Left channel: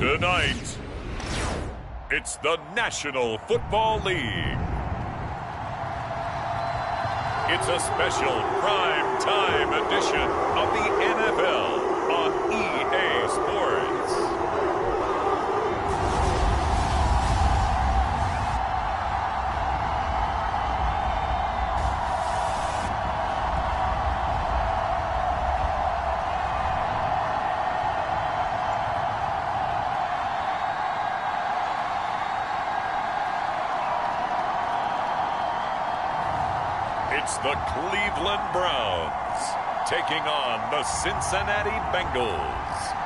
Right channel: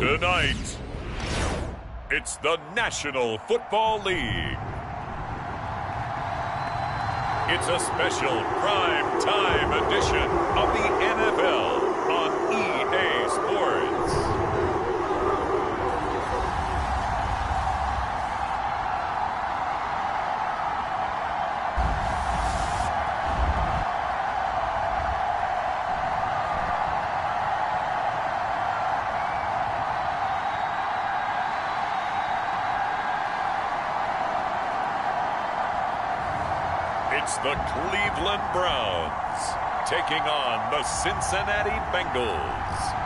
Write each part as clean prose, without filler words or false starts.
Tonight, it's the National Football League. It's a special prime time edition of the NFL on EA Sports. It's the Cleveland Browns taking on the Cincinnati Bengals.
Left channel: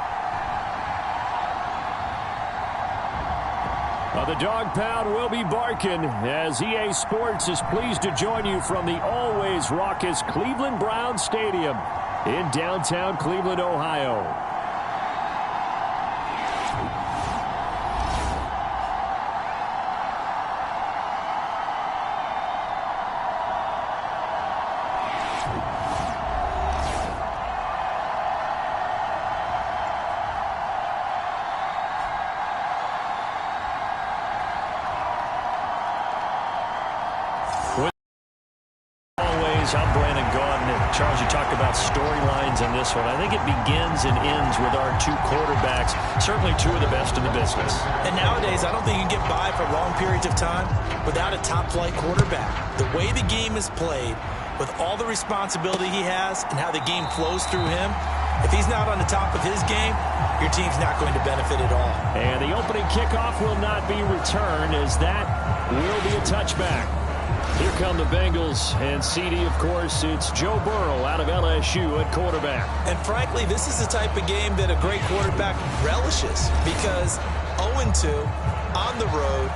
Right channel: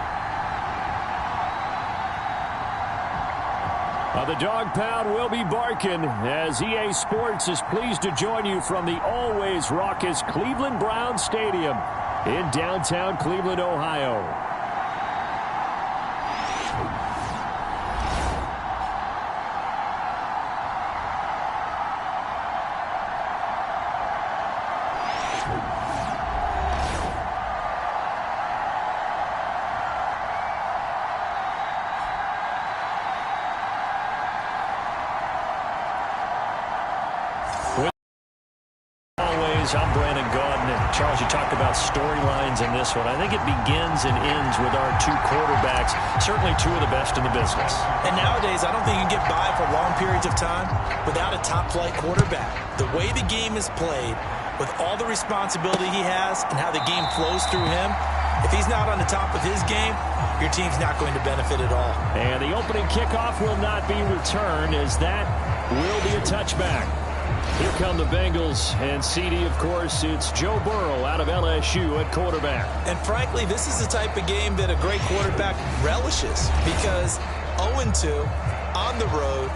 The dog pound will be barking as EA Sports is pleased to join you from the always raucous Cleveland Browns Stadium in downtown Cleveland, Ohio. I'm Brandon Gaudin. Charles, you talk about storylines in this one. I think it begins and ends with our two quarterbacks, certainly two of the best in the business. And nowadays, I don't think you can get by for long periods of time without a top-flight quarterback. The way the game is played, with all the responsibility he has and how the game flows through him, if he's not on the top of his game, your team's not going to benefit at all. And the opening kickoff will not be returned, as that will be a touchback. Here come the Bengals, and CD, of course, it's Joe Burrow out of LSU at quarterback. And frankly, this is the type of game that a great quarterback relishes, because 0-2 on the road,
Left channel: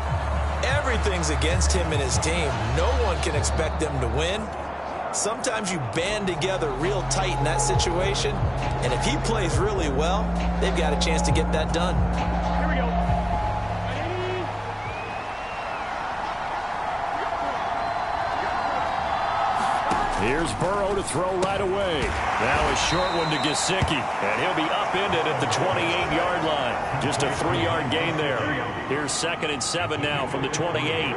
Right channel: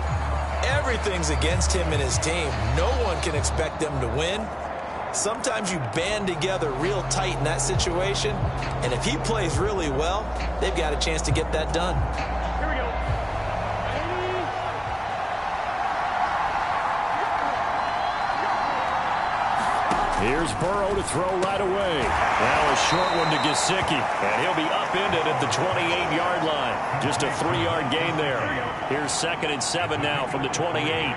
everything's against him and his team. No one can expect them to win. Sometimes you band together real tight in that situation, and if he plays really well, they've got a chance to get that done. Here we go. Here's Burrow to throw right away. Now a short one to Gesicki, and he'll be upended at the 28-yard line. Just a 3-yard gain there. Here's 2nd and 7 now from the 28.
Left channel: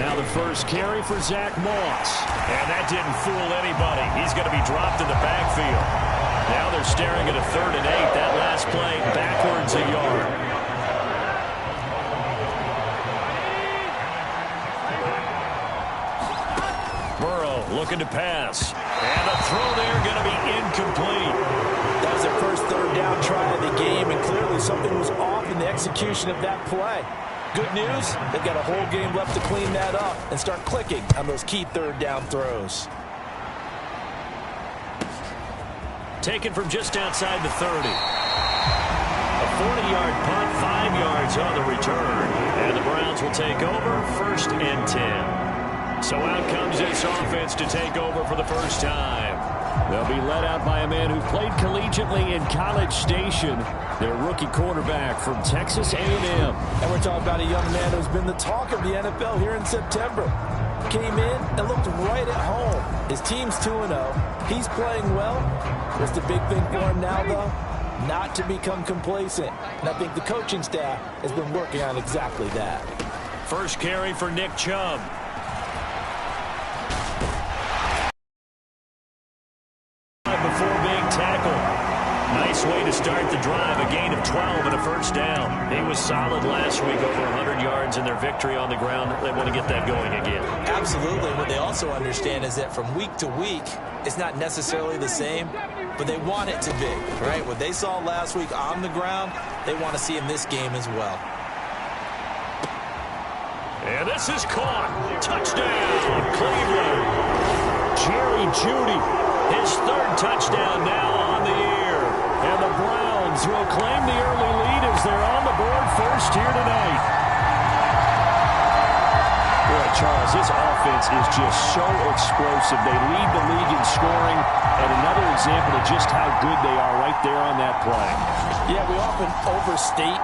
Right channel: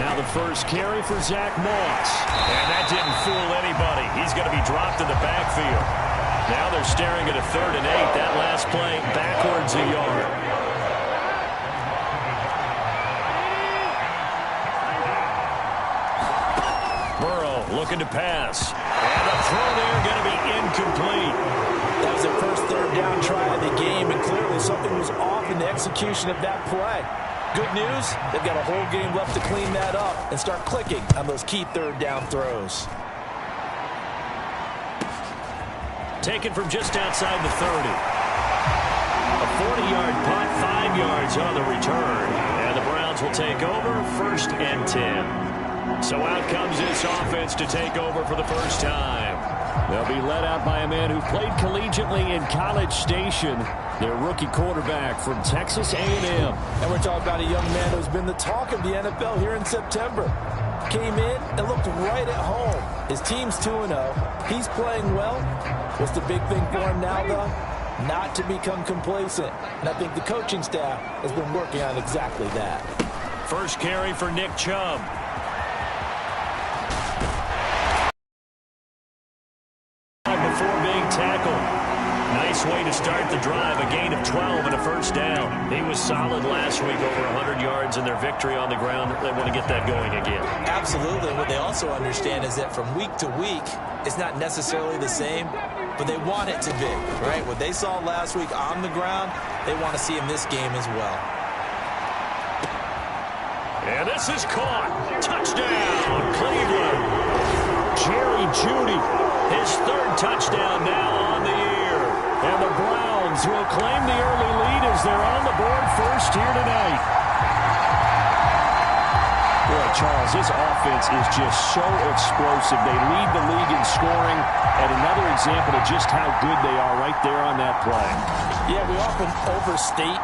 Now the first carry for Zach Moss. And that didn't fool anybody. He's going to be dropped in the backfield. Now they're staring at a 3rd and 8. That last play backwards a yard. Looking to pass. And the throw there going to be incomplete. That was their first 3rd down try of the game, and clearly something was off in the execution of that play. Good news, they've got a whole game left to clean that up and start clicking on those key 3rd down throws. Taken from just outside the 30. A 40-yard punt, 5 yards on the return. And the Browns will take over 1st and 10. So out comes this offense to take over for the first time. They'll be led out by a man who played collegiately in College Station, their rookie quarterback from Texas A&M. And we're talking about a young man who's been the talk of the NFL here in September. Came in and looked right at home. His team's 2-0. He's playing well. What's the big thing for him now, though? Not to become complacent. And I think the coaching staff has been working on exactly that. First carry for Nick Chubb. Before being tackled. Nice way to start the drive. A gain of 12 and a first down. He was solid last week, over 100 yards in their victory on the ground. They want to get that going again. Absolutely. What they also understand is that from week to week, it's not necessarily the same, but they want it to be, right? What they saw last week on the ground, they want to see in this game as well. And this is caught. Touchdown, Cleveland. Jerry Jeudy. His 3rd touchdown now on the year. And the Browns will claim the early lead as they're on the board first here tonight. Boy, Charles, his offense is just so explosive. They lead the league in scoring, and another example of just how good they are right there on that play. Yeah, we often overstate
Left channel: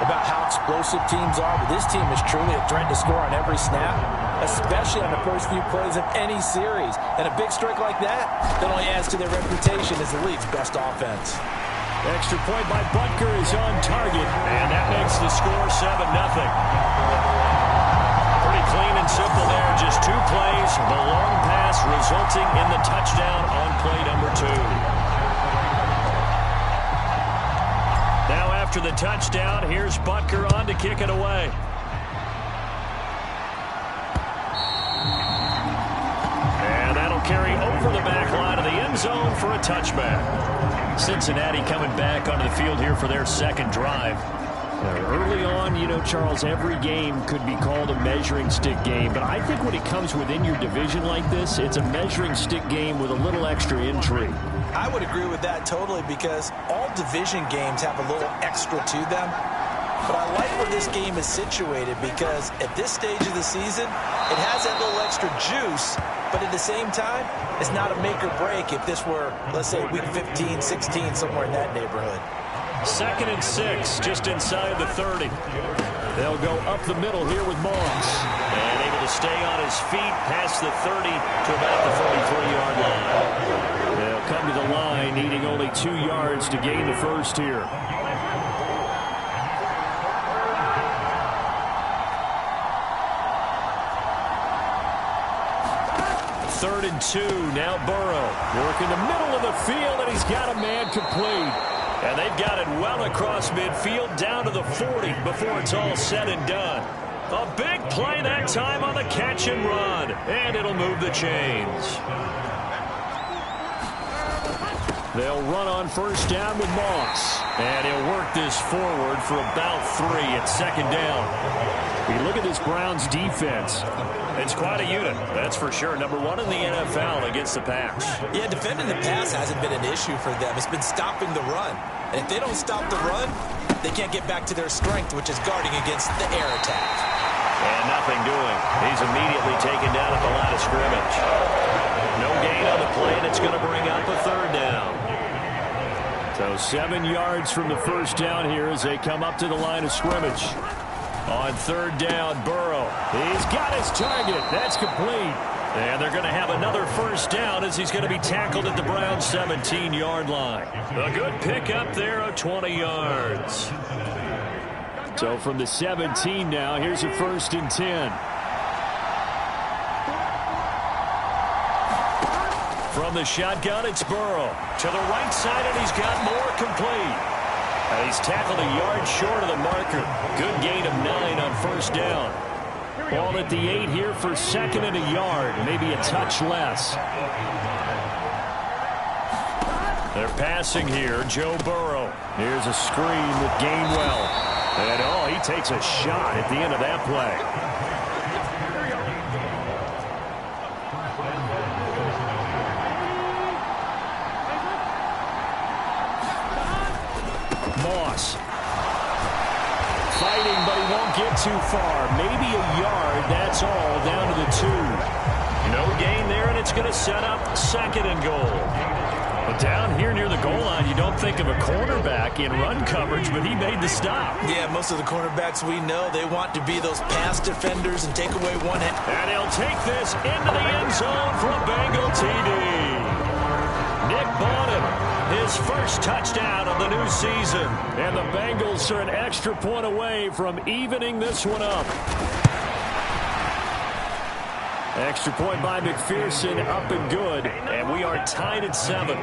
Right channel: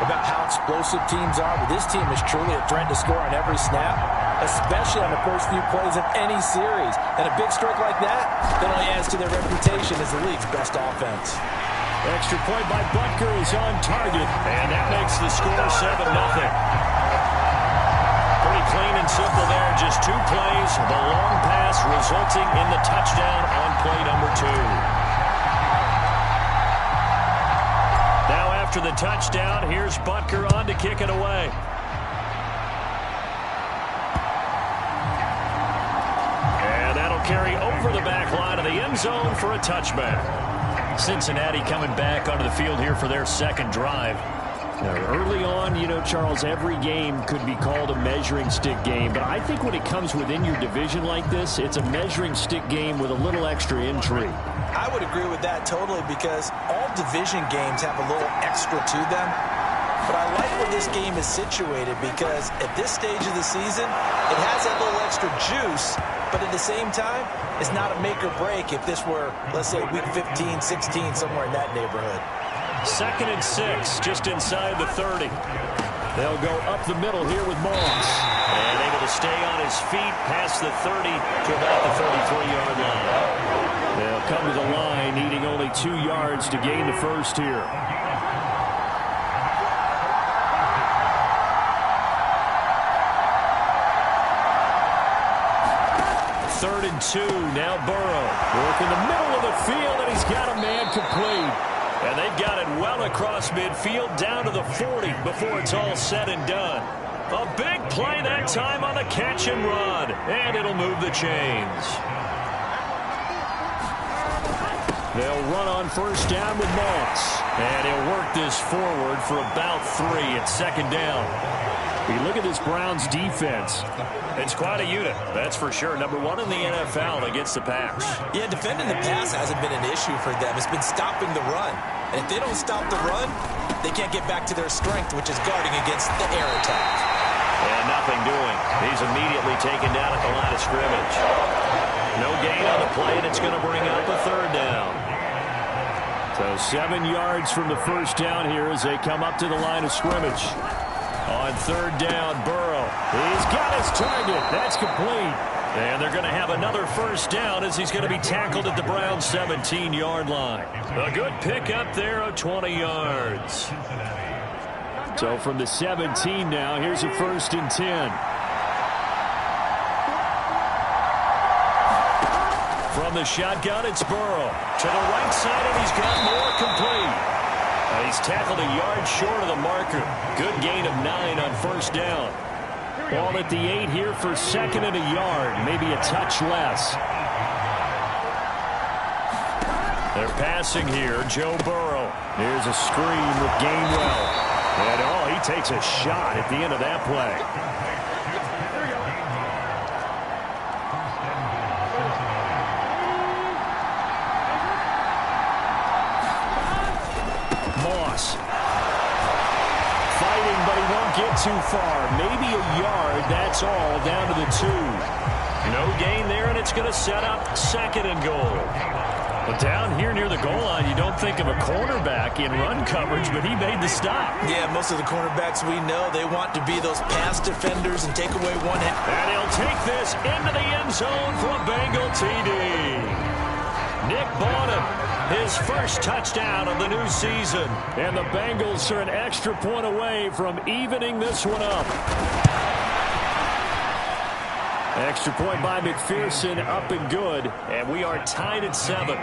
about how explosive teams are, but this team is truly a threat to score on every snap, especially on the first few plays of any series. And a big strike like that only adds to their reputation as the league's best offense. Extra point by Butker is on target, and that makes the score 7-0. Pretty clean and simple there. Just 2 plays. The long pass resulting in the touchdown on play number 2. Now after the touchdown, here's Butker on to kick it away. And that'll carry over the back line of the end zone for a touchback. Cincinnati coming back onto the field here for their second drive. Now, early on, you know, Charles, every game could be called a measuring stick game. But I think when it comes within your division like this, it's a measuring stick game with a little extra intrigue. I would agree with that totally because all division games have a little extra to them. But I like where this game is situated because at this stage of the season, it has that little extra juice. But at the same time, it's not a make or break if this were, let's say, week 15, 16, somewhere in that neighborhood. 2nd and 6, just inside the 30. They'll go up the middle here with Moss. And able to stay on his feet past the 30 to about the 33-yard line. They'll come to the line needing only 2 yards to gain the first here. 3rd and 2. Now Burrow. Work in the middle of the field, and he's got a man complete. And they've got it well across midfield down to the 40 before it's all said and done. A big play that time on the catch and run. And it'll move the chains. They'll run on first down with Moss. And he'll work this forward for about 3 at 2nd down. You look at this Browns defense. It's quite a unit, that's for sure. Number 1 in the NFL against the pass. Yeah, defending the pass hasn't been an issue for them. It's been stopping the run. And if they don't stop the run, they can't get back to their strength, which is guarding against the air attack. And nothing doing. He's immediately taken down at the line of scrimmage. No gain on the play, and it's going to bring up a 3rd down. So 7 yards from the first down here as they come up to the line of scrimmage. On 3rd down, Burrow. He's got his target. That's complete. And they're going to have another first down as he's going to be tackled at the Browns' 17-yard line. A good pickup there of 20 yards. So from the 17 now, here's a 1st and 10. From the shotgun, it's Burrow. To the right side, and he's got more complete. And he's tackled a yard short of the marker. Good gain of 9 on first down. Ball at the 8 here for 2nd and a yard. Maybe a touch less. They're passing here. Joe Burrow. Here's a screen with Gainwell. And, he takes a shot at the end of that play. Moss. Fighting, but he won't get too far. Maybe a yard, that's all, down to the 2. No gain there, and it's going to set up 2nd and goal. But down here near the goal line, you don't think of a cornerback in run coverage, but he made the stop. Yeah, most of the cornerbacks we know, they want to be those pass defenders and take away one hand. And he'll take this into the end zone for a Bengal TD. Nick Bonham, his first touchdown of the new season. And the Bengals are an extra point away from evening this one up. Extra point by McPherson, up and good. And we are tied at 7.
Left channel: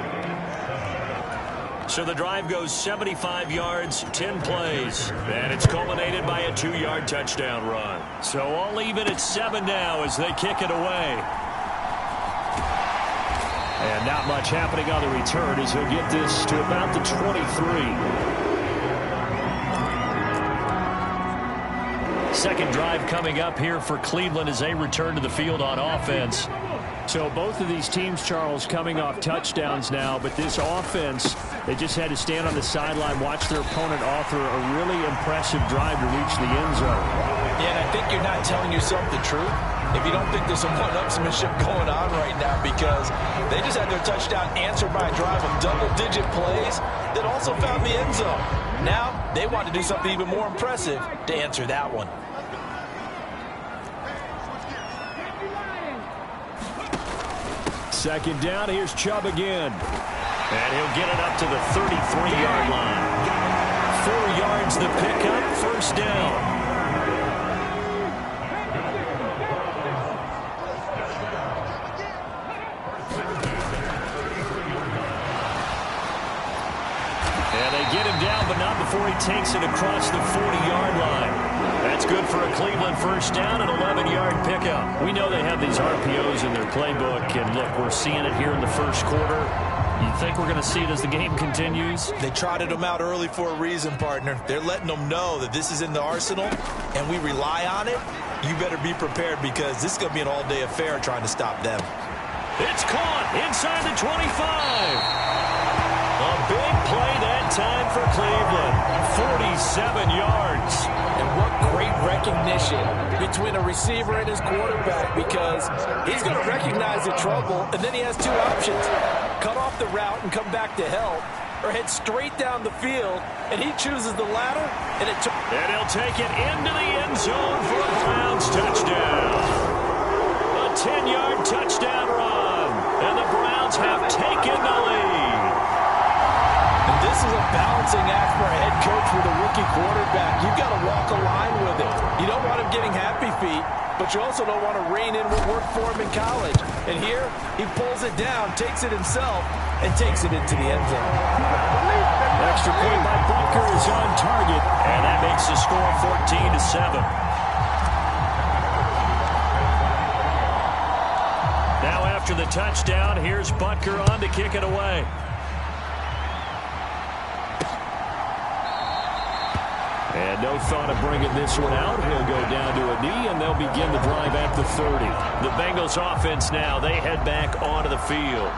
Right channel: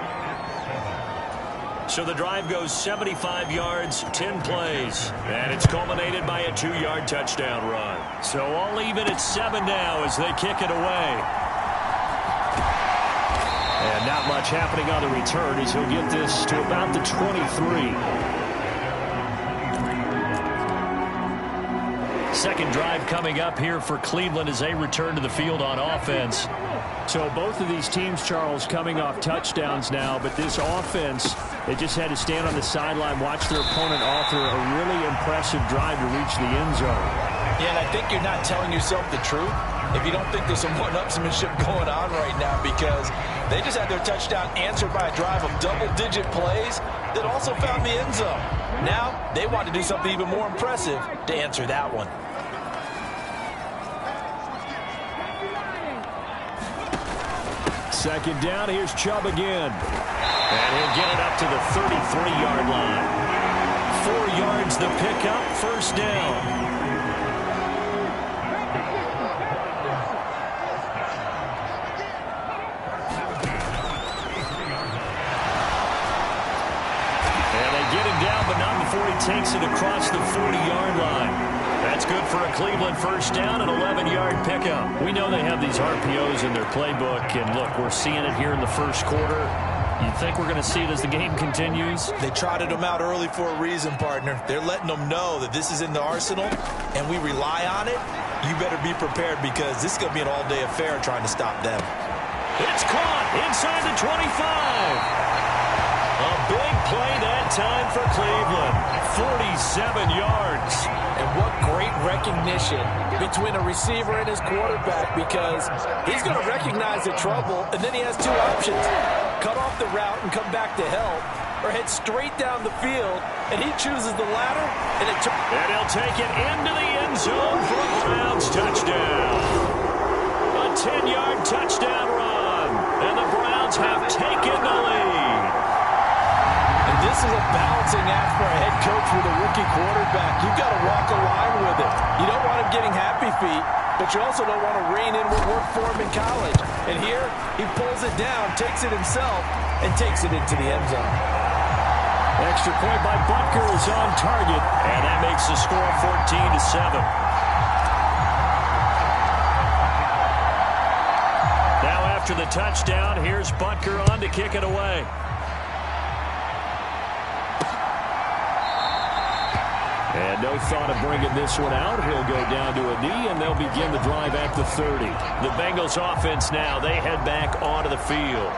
So the drive goes 75 yards, 10 plays. And it's culminated by a 2-yard touchdown run. So all even at 7 now as they kick it away. And not much happening on the return as he'll get this to about the 23. Second drive coming up here for Cleveland as they return to the field on offense. So both of these teams, Charles, coming off touchdowns now, but this offense, they just had to stand on the sideline, watch their opponent offer a really impressive drive to reach the end zone. Yeah, and I think you're not telling yourself the truth if you don't think there's some one-upsmanship going on right now, because they just had their touchdown answered by a drive of double-digit plays that also found the end zone. Now they want to do something even more impressive to answer that one. Second down, here's Chubb again. And he'll get it up to the 33-yard line. 4 yards the pickup, first down. And they get him down, but not before he takes it across the 40-yard line. That's good for a Cleveland first down, an 11-yard pickup. We know they have these RPOs in their playbook, and look, we're seeing it here in the first quarter. You think we're going to see it as the game continues? They trotted them out early for a reason, partner. They're letting them know that this is in the arsenal, and we rely on it. You better be prepared because this is going to be an all-day affair trying to stop them. It's caught inside the 25. A big play that time for Cleveland. 47 yards. And what great recognition between a receiver and his quarterback, because he's going to recognize the trouble, and then he has two options. Cut off the route and come back to help, or head straight down the field, and he chooses the latter. And he'll take it into the end zone for a Browns touchdown. A 10-yard touchdown run, and the Browns have taken the lead. And this is a balancing act for a head coach with a rookie quarterback. You've got to walk a line with him. You don't want him getting happy feet, but you also don't want to rein in what worked for him in college. And here, he pulls it down, takes it himself, and takes it into the end zone. Extra point by Butker is on target, and that makes the score 14-7. Now after the touchdown, here's Butker on to kick it away. And no thought of bringing this one out. He'll go down to a knee, and they'll begin the drive at the 30. The Bengals offense now, they head back onto the field.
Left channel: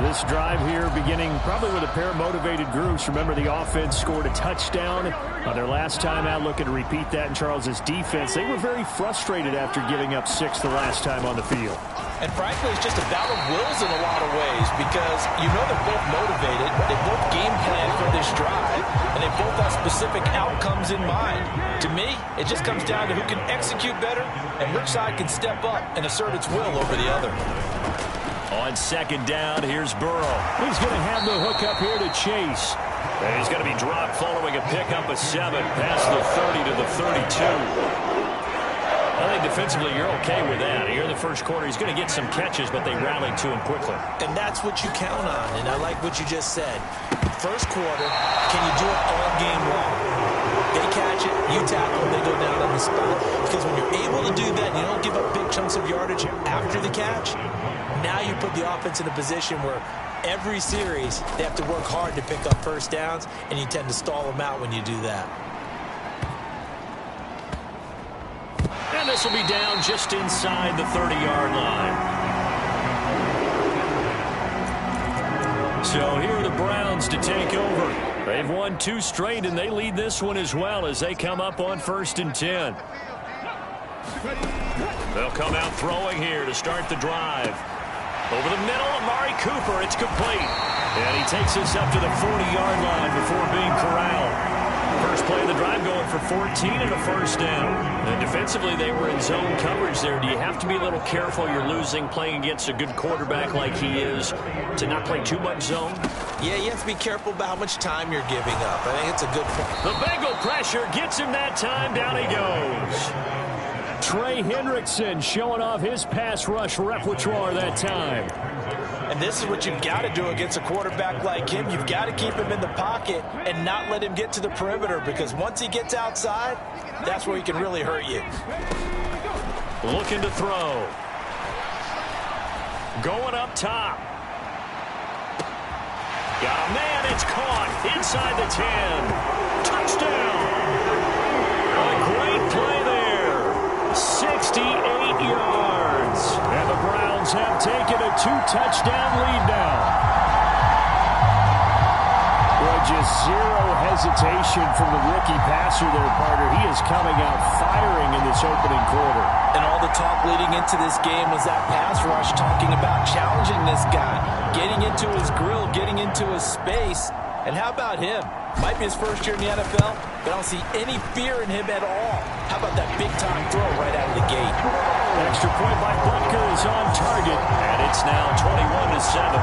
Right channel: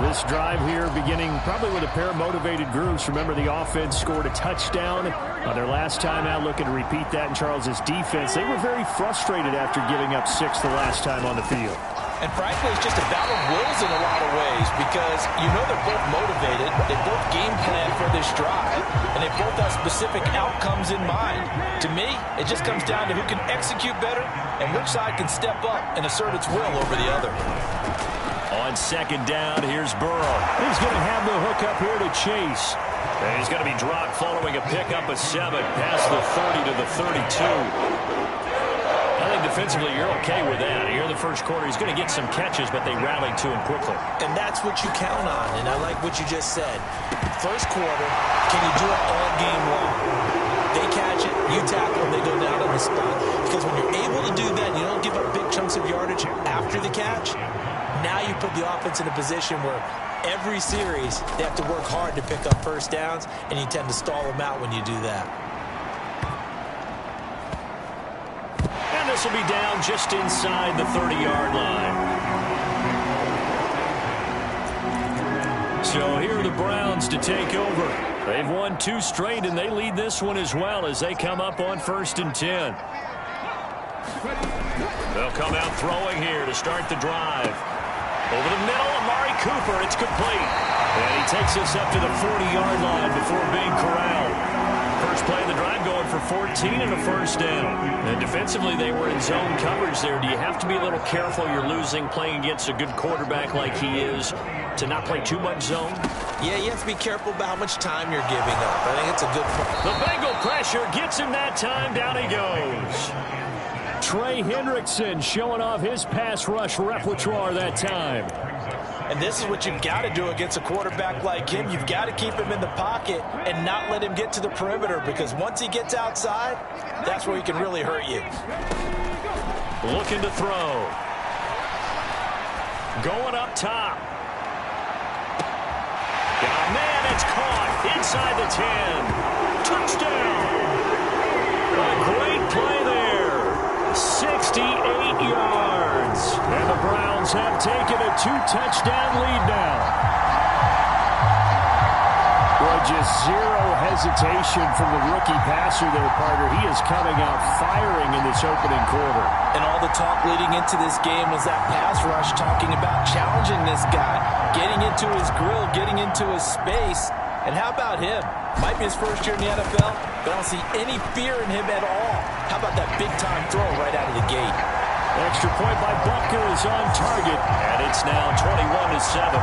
This drive here beginning probably with a pair of motivated groups. Remember, the offense scored a touchdown on their last time out, looking to repeat that in Charles's defense. They were very frustrated after giving up 6 the last time on the field. And frankly, it's just a battle of wills in a lot of ways because you know they're both motivated. They both game plan for this drive, and they both have specific outcomes in mind. To me, it just comes down to who can execute better and which side can step up and assert its will over the other. On second down, here's Burrow. He's going to have the hook up here to Chase. And he's going to be dropped following a pickup of 7 past the 30 to the 32. I think defensively you're okay with that. Here in the first quarter, he's going to get some catches, but they rallied to him quickly. And that's what you count on, and I like what you just said. First quarter, can you do it all game long? They catch it, you tackle them, they go down on the spot. Because when you're able to do that and you don't give up big chunks of yardage after the catch, now you put the offense in a position where every series they have to work hard to pick up first downs, and you tend to stall them out when you do that. And this will be down just inside the 30-yard line. So here are the Browns to take over. They've won 2 straight, and they lead this one as well as they come up on 1st and 10. They'll come out throwing here to start the drive. Over the middle, Amari Cooper, it's complete. And he takes this up to the 40-yard line before being corralled. First play of the drive going for 14 and a first down. And defensively, they were in zone coverage there. Do you have to be a little careful? You're losing, playing against a good quarterback like he is, to not play too much zone? Yeah, you have to be careful about how much time you're giving up. I think it's a good point. The Bengal pressure gets him that time. Down he goes. Trey Hendrickson showing off his pass rush repertoire that time. And this is what you've got to do against a quarterback like him. You've got to keep him in the pocket and not let him get to the perimeter, because once he gets outside, that's where he can really hurt you. Looking to throw. Going up top. Got a man, it's caught inside the 10. Touchdown. A great play there. 68 yards. And the Browns have taken a 2-touchdown lead now. Boy, just zero hesitation from the rookie passer there, partner. He is coming out firing in this opening quarter. And all the talk leading into this game was that pass rush, talking about challenging this guy, getting into his grill, getting into his space. And how about him? Might be his first year in the NFL, but I don't see any fear in him at all. How about that big-time throw right out of the gate? Extra point by Butker is on target, and it's now 21-7.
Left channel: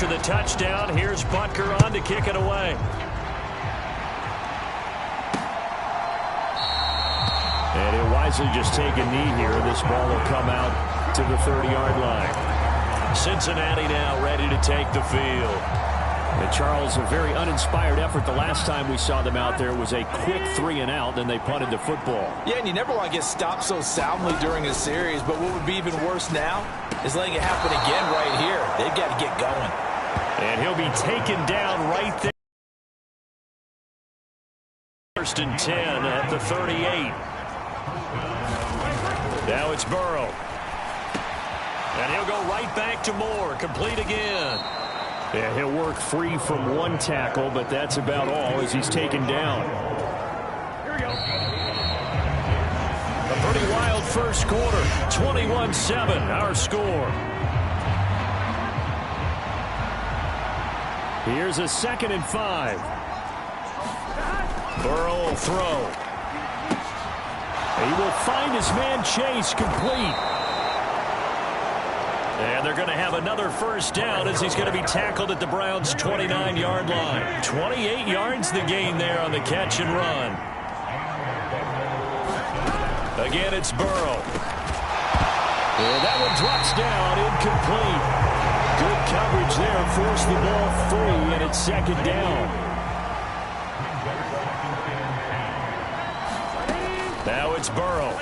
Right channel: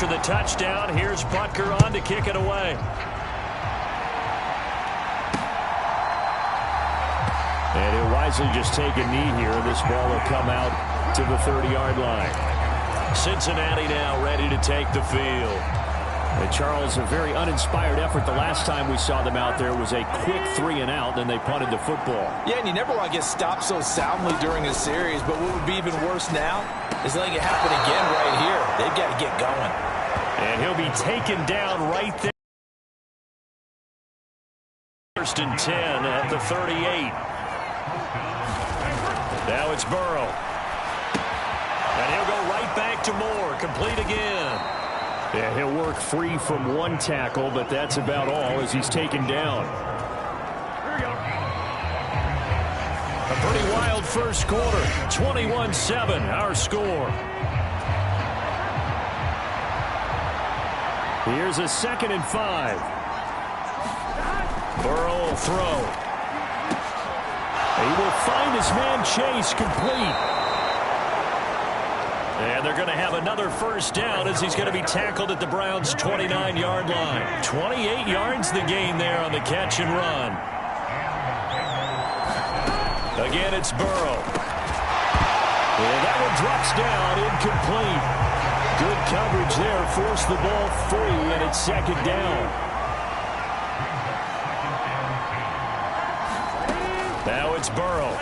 after the touchdown, here's Butker on to kick it away. And he'll wisely just take a knee here. This ball will come out to the 30-yard line. Cincinnati now ready to take the field. And Charles, a very uninspired effort. The last time we saw them out there was a quick 3-and-out, then they punted the football. Yeah, and you never want to get stopped so soundly during a series, but what would be even worse now is letting it happen again right here. They've got to get going. And he'll be taken down right there. First and 10 at the 38. Now it's Burrow. And he'll go right back to Moore. Complete again. Yeah, he'll work free from one tackle, but that's about all as he's taken down. Here we go. A pretty wild first quarter. 21-7, our score. Here's a 2nd and 5. Burrow will throw. He will find his man Chase, complete. And they're going to have another first down as he's going to be tackled at the Browns' 29-yard line. 28 yards the gain there on the catch and run. Again, it's Burrow. And that one drops down, incomplete. Good coverage there, forced the ball free, and it's 2nd down. Now it's Burrow.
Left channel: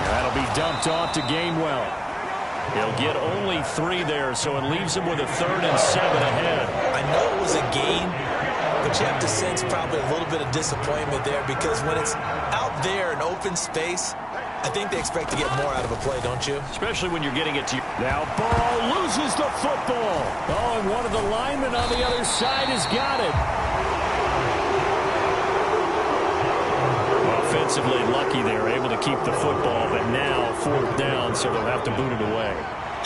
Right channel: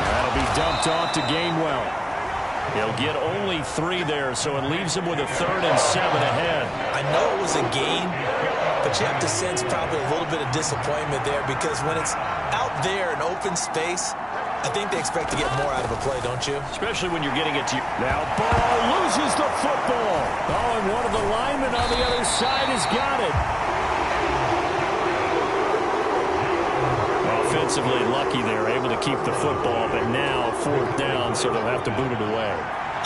That'll be dumped off to Gainwell. He'll get only 3 there, so it leaves him with a 3rd and 7 ahead. I know it was a gain, but you have to sense probably a little bit of disappointment there because when it's out there in open space, I think they expect to get more out of a play, don't you? Especially when you're getting it to you. Now Burrow loses the football. Oh, and one of the linemen on the other side has got it. Offensively lucky they're able to keep the football, but now 4th down, so they'll have to boot it away.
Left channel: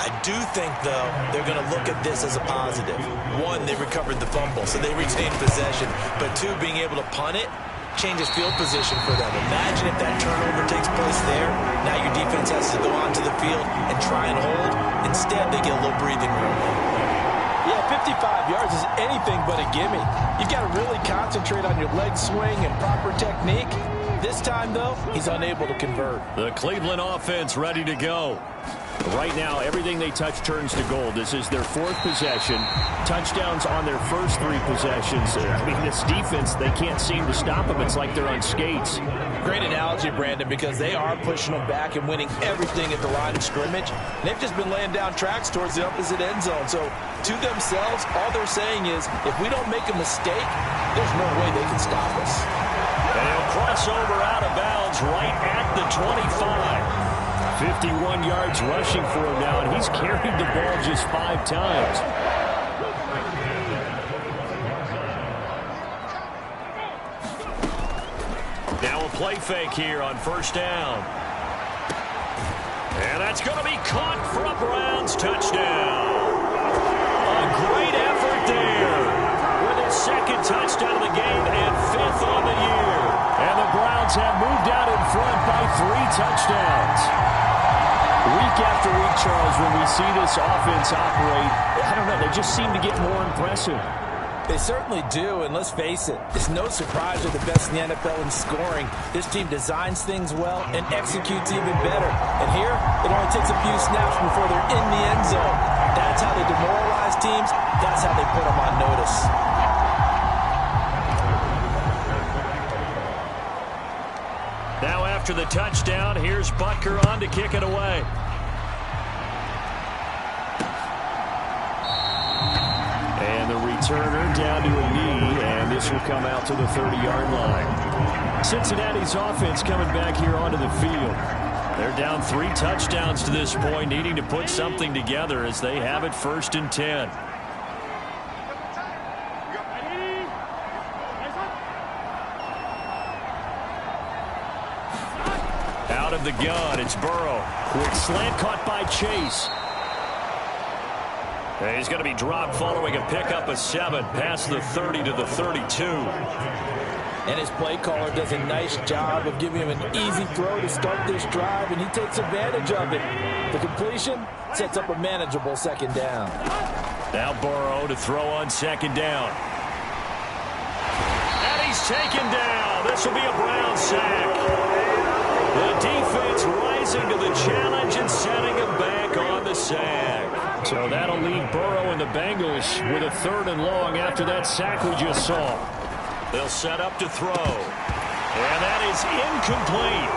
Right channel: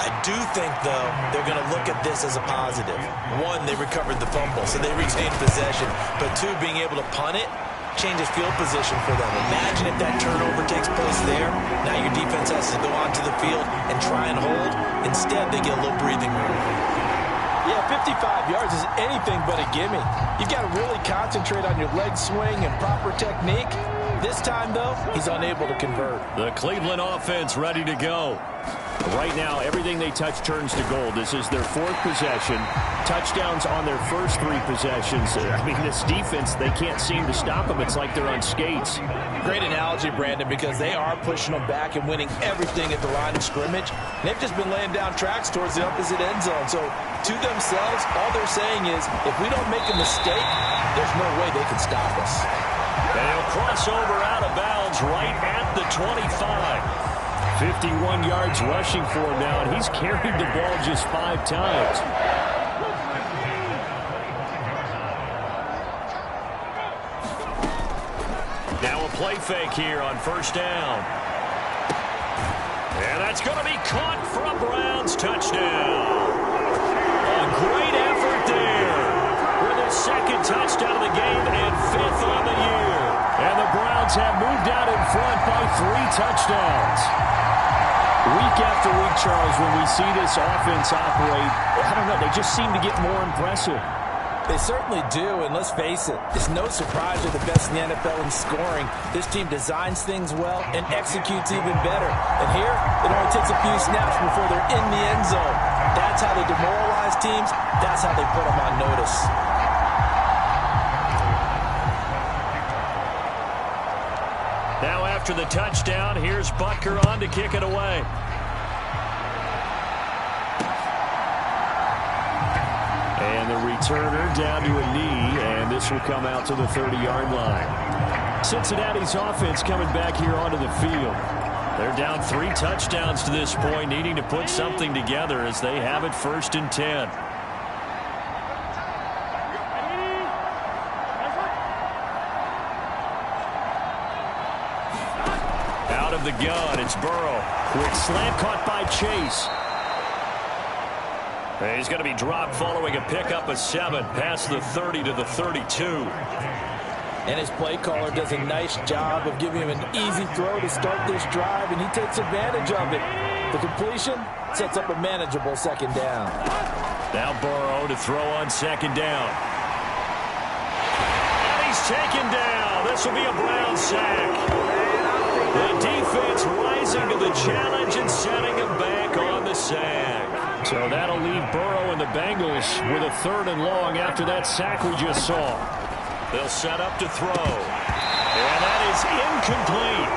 I do think, though, they're going to look at this as a positive. 1, they recovered the fumble, so they retained possession. But 2, being able to punt it changes field position for them. Imagine if that turnover takes place there. Now your defense has to go onto the field and try and hold. Instead, they get a little breathing room. Yeah, 55 yards is anything but a gimme. You've got to really concentrate on your leg swing and proper technique. This time, though, he's unable to convert. The Cleveland offense ready to go. Right now, everything they touch turns to gold. This is their 4th possession. Touchdowns on their first 3 possessions. I mean, this defense, they can't seem to stop them. It's like they're on skates. Great analogy, Brandon, because they are pushing them back and winning everything at the line of scrimmage. And they've just been laying down tracks towards the opposite end zone. So, to themselves, all they're saying is, if we don't make a mistake, there's no way they can stop us. And he'll cross over out of bounds right at the 25. 51 yards rushing for him now, and he's carried the ball just 5 times. Now a play fake here on 1st down. And that's going to be caught for a Browns touchdown. A great effort there with his 2nd touchdown of the game and 5th on the year. And the Browns have moved out in front by 3 touchdowns. Week after week, Charles, when we see this offense operate, I don't know, they just seem to get more impressive. They certainly do, and let's face it, it's no surprise they're the best in the NFL in scoring. This team designs things well and executes even better. And here, it only takes a few snaps before they're in the end zone. That's how they demoralize teams. That's how they put them on notice. Now after the touchdown, here's Butker on to kick it away. And the returner down to a knee, and this will come out to the 30-yard line. Cincinnati's offense coming back here onto the field. They're down 3 touchdowns to this point, needing to put something together as they have it 1st and 10. Out of the gun, it's Burrow. Quick slant caught by Chase. And he's going to be dropped following a pickup of 7 past the 30 to the 32. And his play caller does a nice job of giving him an easy throw to start this drive, and he takes advantage of it. The completion sets up a manageable 2nd down. Now Burrow to throw on second down. And he's taken down. This will be a Brown sack. The defense rising to the challenge and setting him back on the sack. So that'll leave Burrow and the Bengals with a 3rd and long after that sack we just saw. They'll set up to throw. And that is incomplete.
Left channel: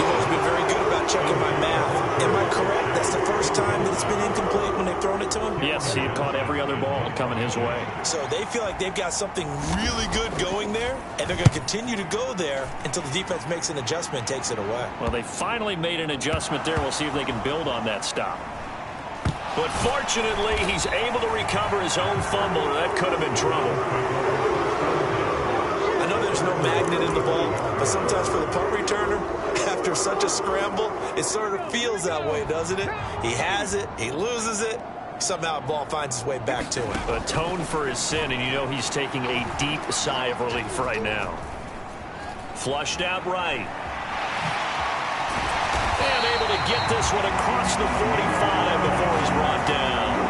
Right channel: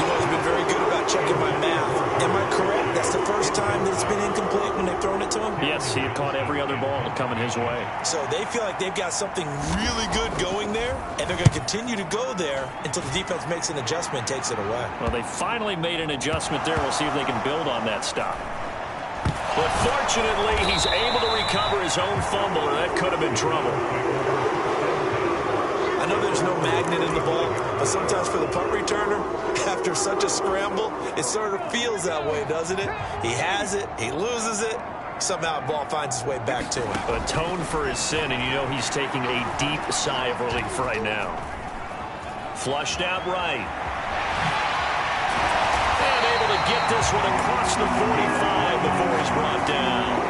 You've always been very good about checking my math. Am I correct? That's the first time that it's been incomplete when they've thrown it to him? Yes, he had caught every other ball coming his way. So they feel like they've got something really good going there, and they're going to continue to go there until the defense makes an adjustment and takes it away. Well, they finally made an adjustment there. We'll see if they can build on that stop. But fortunately, he's able to recover his own fumble, or that could have been trouble. I know there's no magnet in the ball, but sometimes for the punt returner, after such a scramble, it sort of feels that way, doesn't it? He has it, he loses it, somehow the ball finds its way back to him. Atone for his sin, and you know he's taking a deep sigh of relief right now. Flushed out right. And able to get this one across the 45 before he's brought down.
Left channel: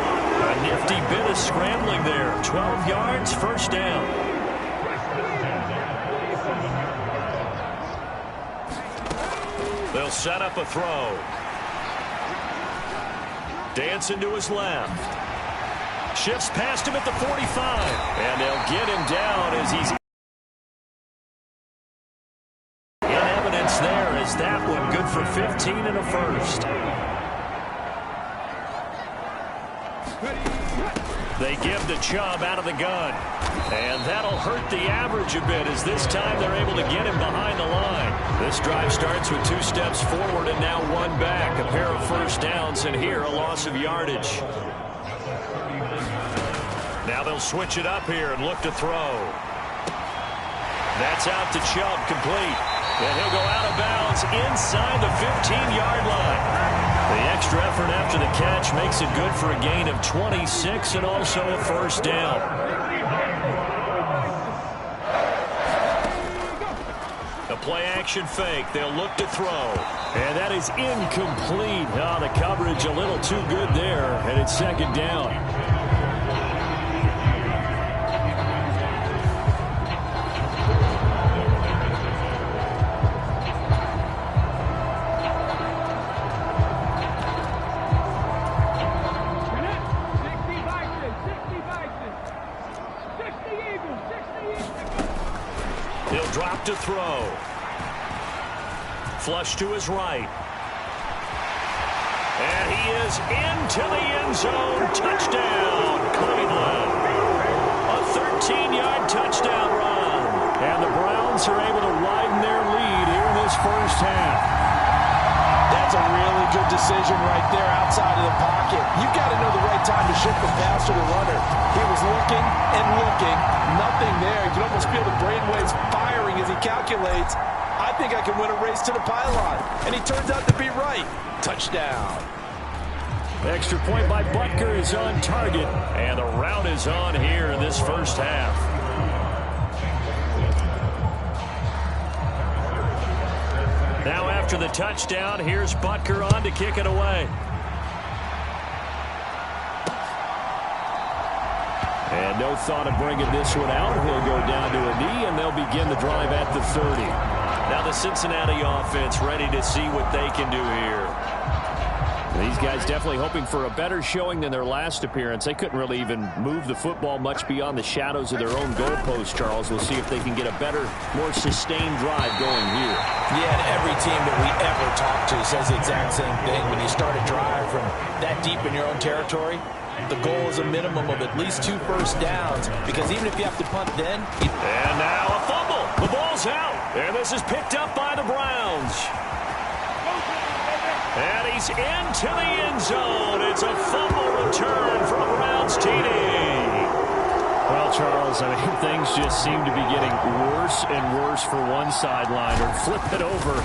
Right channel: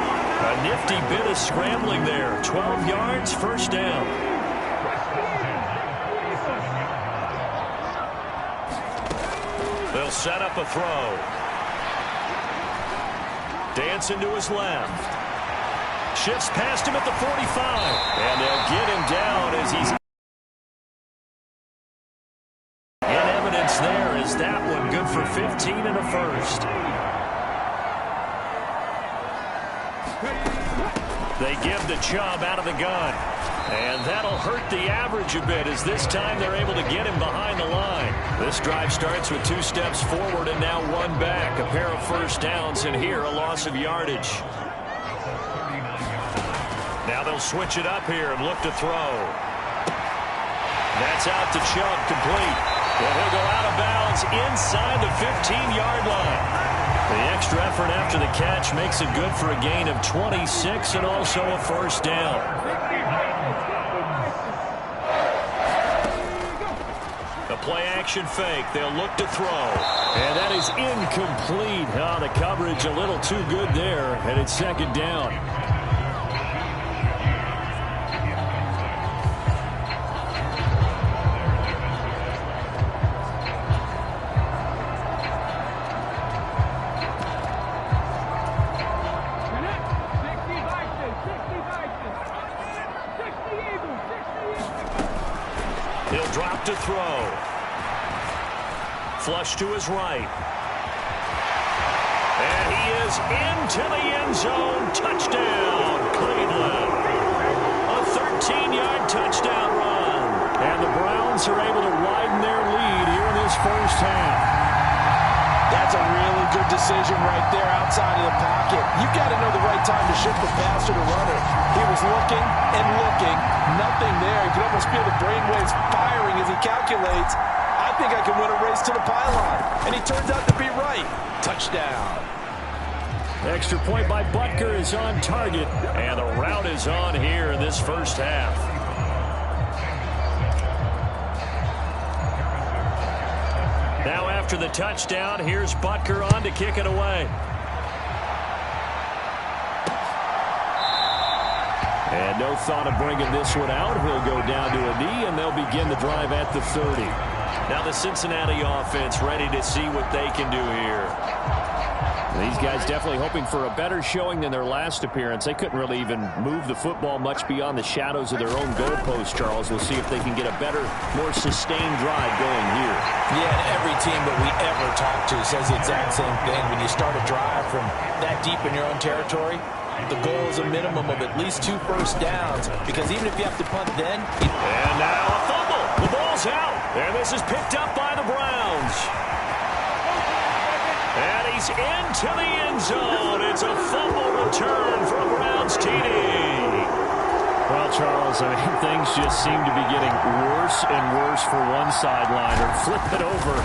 A nifty bit of scrambling there. 12 yards, first down. They'll set up a throw. Dancing to his left. Shifts past him at the 45. And they'll get him down as he's in evidence there as that one good for 15 and a first. They give the Chubb out of the gun. And that'll hurt the average a bit as this time they're able to get him behind the line. This drive starts with 2 steps forward and now 1 back. A pair of first downs and here a loss of yardage. Now they'll switch it up here and look to throw. That's out to Chubb, complete. And he'll go out of bounds inside the 15-yard line. The extra effort after the catch makes it good for a gain of 26 and also a first down. A play-action fake. They'll look to throw. And that is incomplete. Oh, the coverage a little too good there, and it's second down. He'll drop to throw. Flush to his right. And he is into the end zone. Touchdown, Cleveland. A 13-yard touchdown run. And the Browns are able to widen their lead here in this first half. That's a really good decision right there outside of the pocket. You've got to know the right time to shift from passer to runner. He was looking and looking. Nothing there. You can almost feel the brainwaves firing as he calculates. I think I can win a race to the pylon. And he turns out to be right. Touchdown. Extra point by Butker is on target. And the route is on here in this first half. Now after the touchdown, here's Butker on to kick it away. And no thought of bringing this one out. He'll go down to a knee, and they'll begin the drive at the 30. Now the Cincinnati offense ready to see what they can do here. These guys definitely hoping for a better showing than their last appearance. They couldn't really even move the football much beyond the shadows of their own goalpost, Charles. We'll see if they can get a better, more sustained drive going here. Yeah, and every team that we ever talk to says the exact same thing. When you start a drive from that deep in your own territory, the goal is a minimum of at least 2 first downs, because even if you have to punt then... And now a fumble. The ball's out. And this is picked up by the Browns. And he's into the end zone. It's a fumble return for a Browns TD. Well, Charles, I mean, things just seem to be getting worse and worse for one sideline. Or flip it over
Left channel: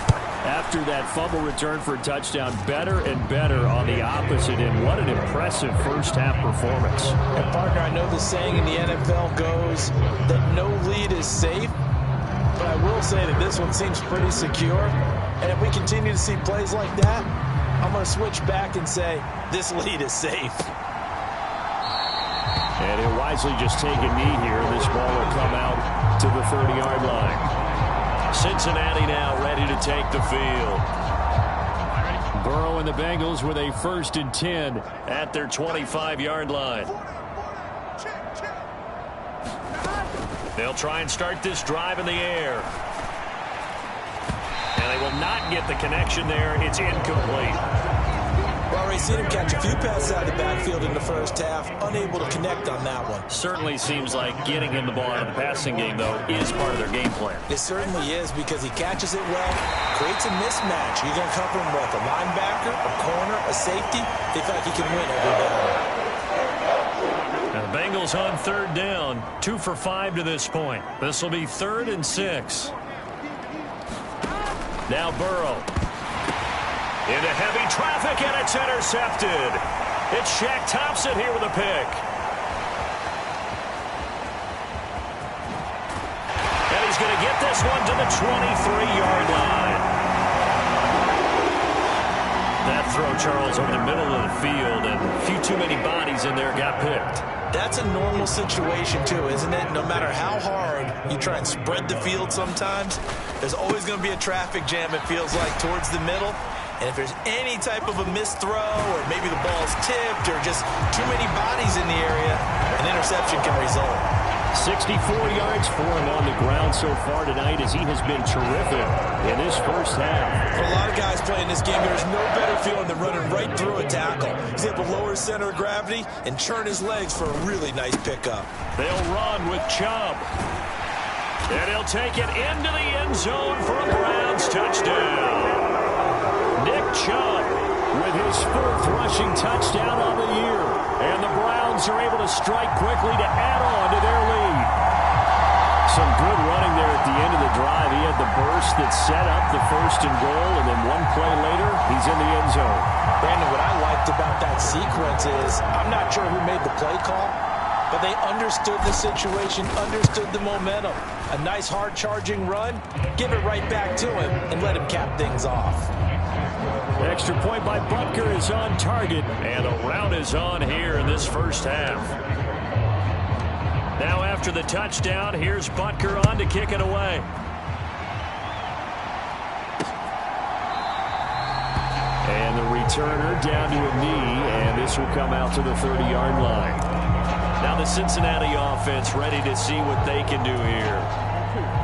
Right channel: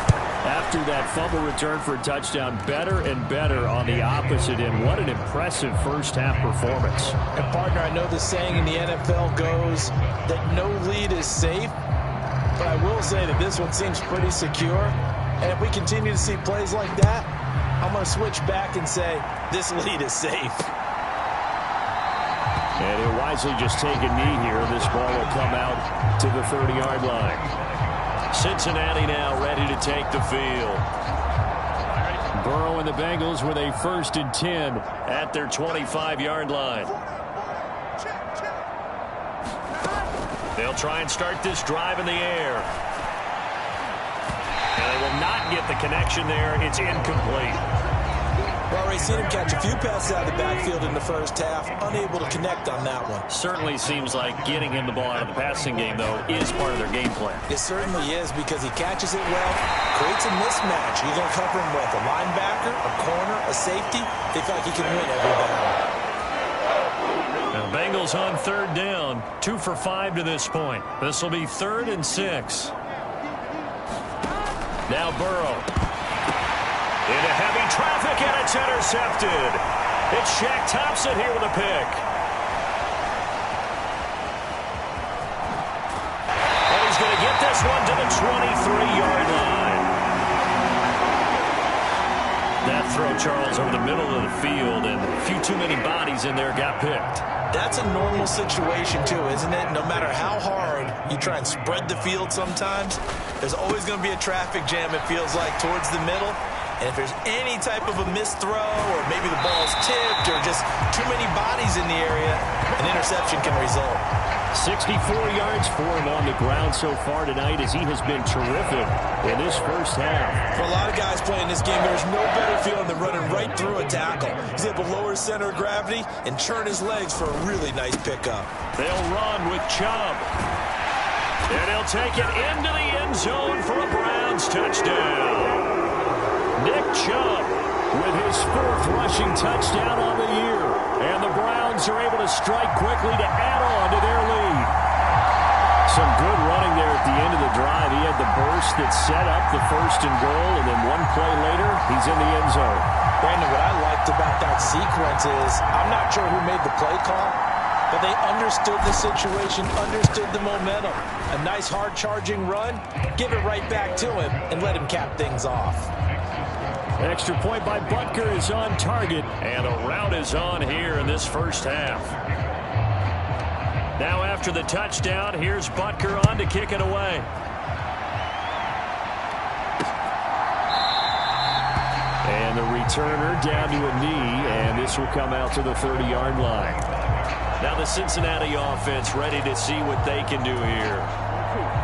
after that fumble return for a touchdown. Better and better on the opposite end. What an impressive first-half performance. And, partner, I know the saying in the NFL goes that no lead is safe. But I will say that this one seems pretty secure. And if we continue to see plays like that, I'm going to switch back and say this lead is safe. And he'll wisely just take a knee here. This ball will come out to the 30-yard line. Cincinnati now ready to take the field. Burrow and the Bengals with a 1st and 10 at their 25-yard line. They'll try and start this drive in the air. And they will not get the connection there. It's incomplete. Well, we've seen him catch a few passes out of the backfield in the first half, unable to connect on that one. Certainly seems like getting him the ball out of the passing game, though, is part of their game plan. It certainly is, because he catches it well, creates a mismatch. You're going to cover him with a linebacker, a corner, a safety. They feel like he can win every battle. Now the Bengals on 3rd down, 2 for 5 to this point. This will be 3rd and 6. Now Burrow. Into heavy traffic, and it's intercepted. It's Shaq Thompson here with a pick. And he's going to get this one to the 23-yard line. That throw, Charles, over the middle of the field, and a few too many bodies in there got picked. That's a normal situation, too, isn't it? No matter how hard you try and spread the field sometimes, there's always going to be a traffic jam, it feels like, towards the middle. And if there's any type of a missed throw, or maybe the ball's tipped, or just too many bodies in the area, an interception can result. 64 yards for him on the ground so far tonight, as he has been terrific in this first half. For a lot of guys playing this game, there's no better feeling than running right through a tackle. He's able to lower his center of gravity and churn his legs for a really nice pickup. They'll run with Chubb. And he'll take it into the end zone for a Browns touchdown. Nick Chubb with his 4th rushing touchdown on the year. And the Browns are able to strike quickly to add on to their lead. Some good running there at the end of the drive. He had the burst that set up the 1st and goal, and then one play later, he's in the end zone. Brandon, what I liked about that sequence is, I'm not sure who made the play call, but they understood the situation, understood the momentum. A nice hard-charging run, give it right back to him, and let him cap things off. Extra point by Butker is on target. And a rout is on here in this first half. Now after the touchdown, here's Butker on to kick it away. And the returner down to a knee, and this will come out to the 30-yard line. Now the Cincinnati offense ready to see what they can do here.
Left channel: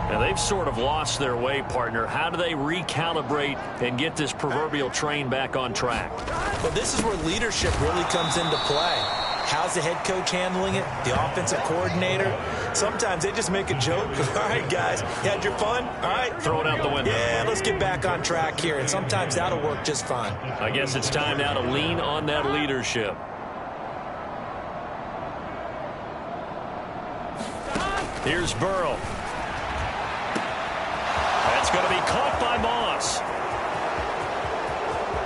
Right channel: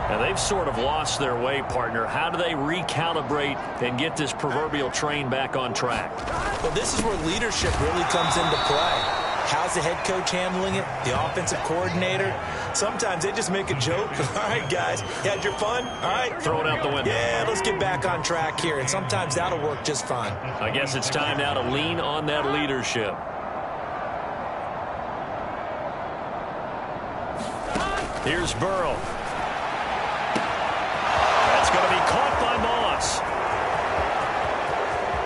Now they've sort of lost their way, partner. How do they recalibrate and get this proverbial train back on track? Well, this is where leadership really comes into play. How's the head coach handling it? The offensive coordinator? Sometimes they just make a joke. All right, guys, you had your fun? All right. Throw it out the window. Yeah, let's get back on track here. And sometimes that'll work just fine. I guess it's time now to lean on that leadership. Here's Burrow. That's going to be caught by Moss.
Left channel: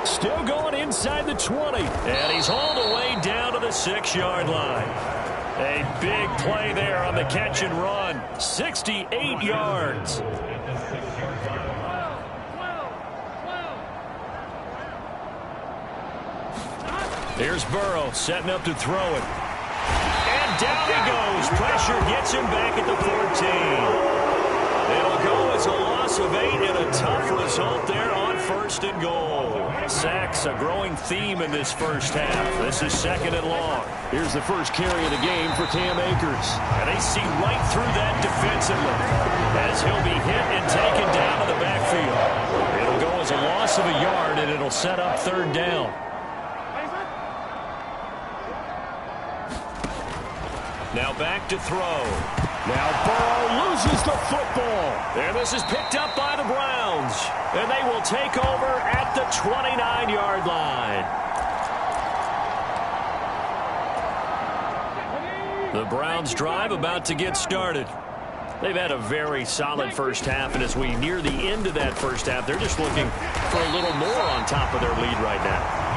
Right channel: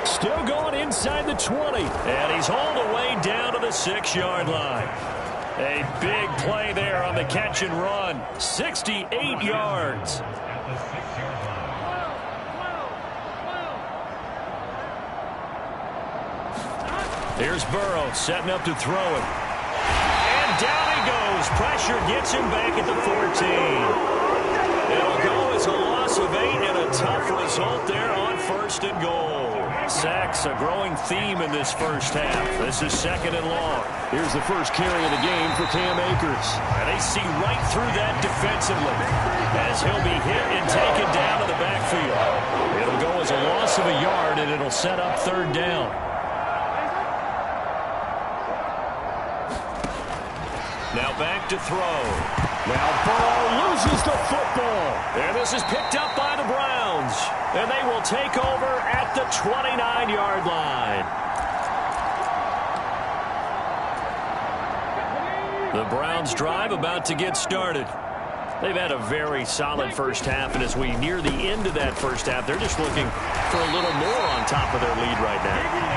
Still going inside the 20. And he's hauled away down to the 6-yard line. A big play there on the catch and run. 68 yards. Here's Burrow setting up to throw it. And down he goes. Pressure gets him back at the 14. It'll go as a loss of 8 and a tough result there on 1st and goal. Sacks, a growing theme in this first half. This is 2nd and long. Here's the first carry of the game for Cam Akers. And they see right through that defensively as he'll be hit and taken down to the backfield. It'll go as a loss of a yard, and it'll set up 3rd down. Now back to throw. Now Burrow loses the football. And this is picked up by the Browns. And they will take over at the 29-yard line. The Browns drive about to get started. They've had a very solid first half, and as we near the end of that first half, they're just looking for a little more on top of their lead right now.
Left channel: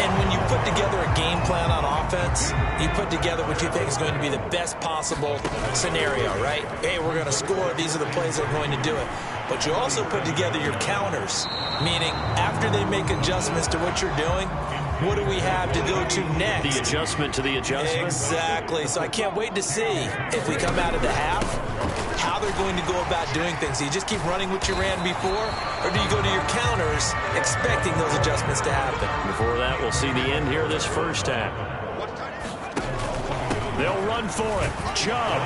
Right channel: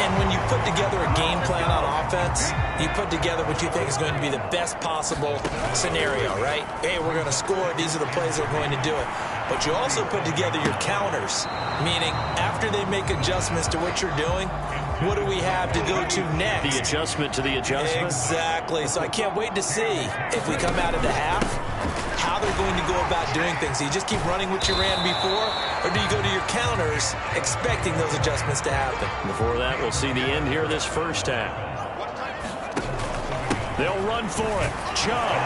And when you put together a game plan on offense, you put together what you think is going to be the best possible scenario, right? Hey, we're going to score. These are the plays that are going to do it. But you also put together your counters, meaning after they make adjustments to what you're doing, what do we have to go to next? The adjustment to the adjustment? Exactly. So I can't wait to see if we come out of the half, how they're going to go about doing things. Do you just keep running what you ran before, or do you go to your counters expecting those adjustments to happen? Before that, we'll see the end here this first half. They'll run for it. Chubb.